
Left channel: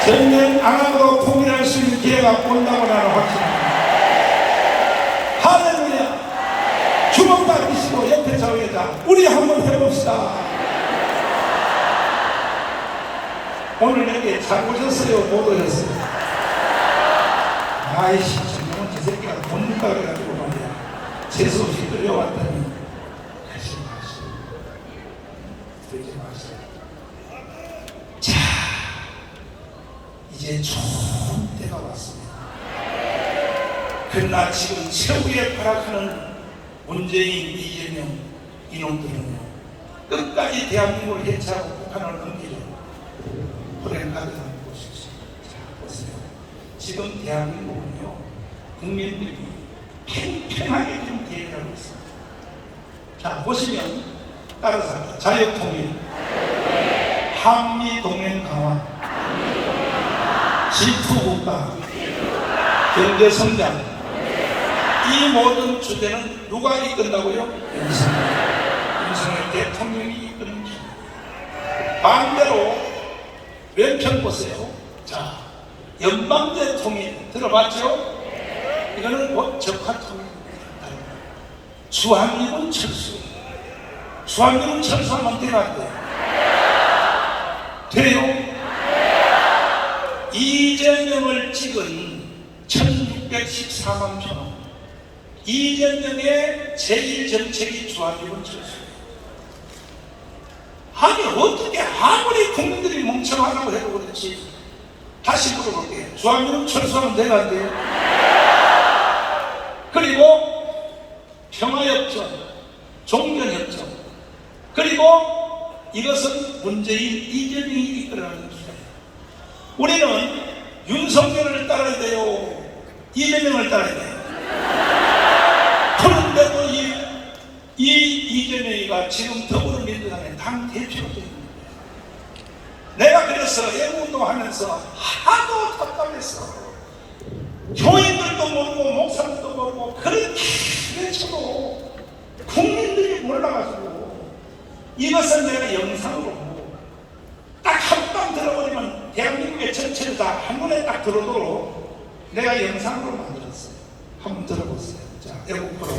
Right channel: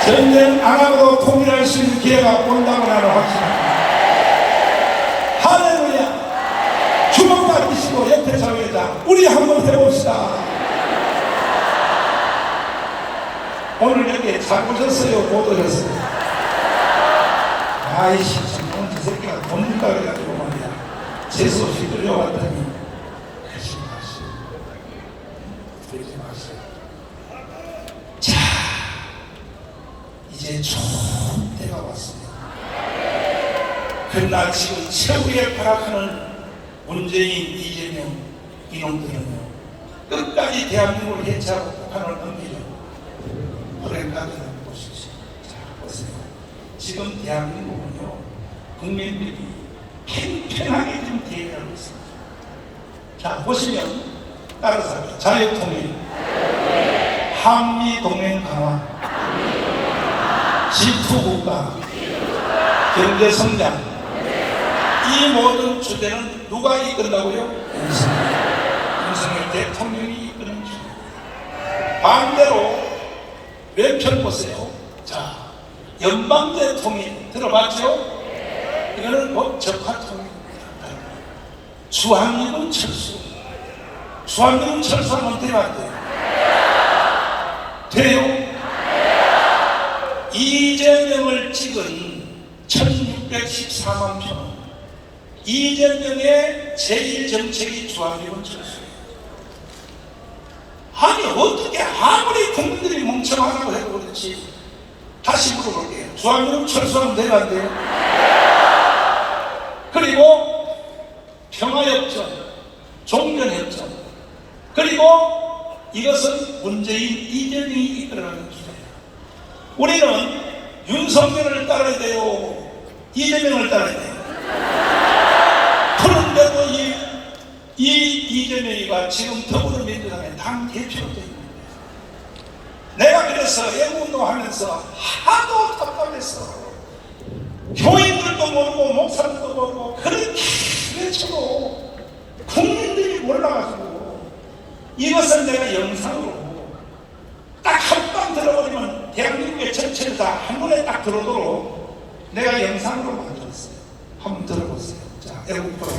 전쟁 안 하고도 통일할 수 있는 기회가 온다고 나는 확신합니다. 할렐루야. 주먹 받으시고 옆에 자위에다 우리 한번 해봅시다. 오늘 여기 잘 오셨어요? 못 오셨어요? 아이씨, 지금은 저 새끼가 돈 준다 그래가지고 말이야. 재수 없이 끌려왔더니 하지 마시오. 그러지 마시오. 자, 이제 좋은 때가 왔습니다. 그러나 지금 최후에 발악하는 문재인, 이재명 이놈들은요 끝까지 대한민국을 해체하고 북한을 넘기려고 불행하게 보십시오. 자, 보세요. 지금 대한민국은요 국민들이 팽팽하게 좀 대응하고 있습니다. 자, 보시면 따라서 합니다. 자유통일, 한미동맹 강화, G2국가, 경제성장, 이 모든 주제는 누가 이끈다고요? 윤석열 대통령이 이끄는 주제. 반대로 왼편 보세요. 자, 연방제 통일 들어봤죠? 이거는 곧 적화통일입니다. 주한미군 철수. 주한미군 철수하면 돼요, 안 돼요? 돼요? 이재명을 찍은 1614만 편. 이재명의 제1정책이 주한미군 철수예요. 아니 어떻게 아무리 국민들이 멍청하다고 해도 그렇지. 다시 물어볼게요. 주한미군 철수하면 돼요, 안 돼요? 그리고 평화협정, 종전협정, 그리고 이것은 문재인, 이재명이 이끌어가는 길이에요. 우리는 윤석열을 따라야 돼요? 이재명을 따라야 돼요? 그런데도 이 이재명이가 지금 더불어민주당의 당 대표로 되어 있는 거예요. 내가 그래서 애국운동하면서 하도 답답했어. 교인들도 모르고 목사들도 모르고 그렇게 외쳐도 국민들이 몰라가지고 이것을 내가 영상으로 딱 한 번 들어버리면 대한민국의 전체를 다 한 번에 딱 들어오도록 내가 영상으로 만들었어요. 한번 들어보세요. 자, 애국 프로.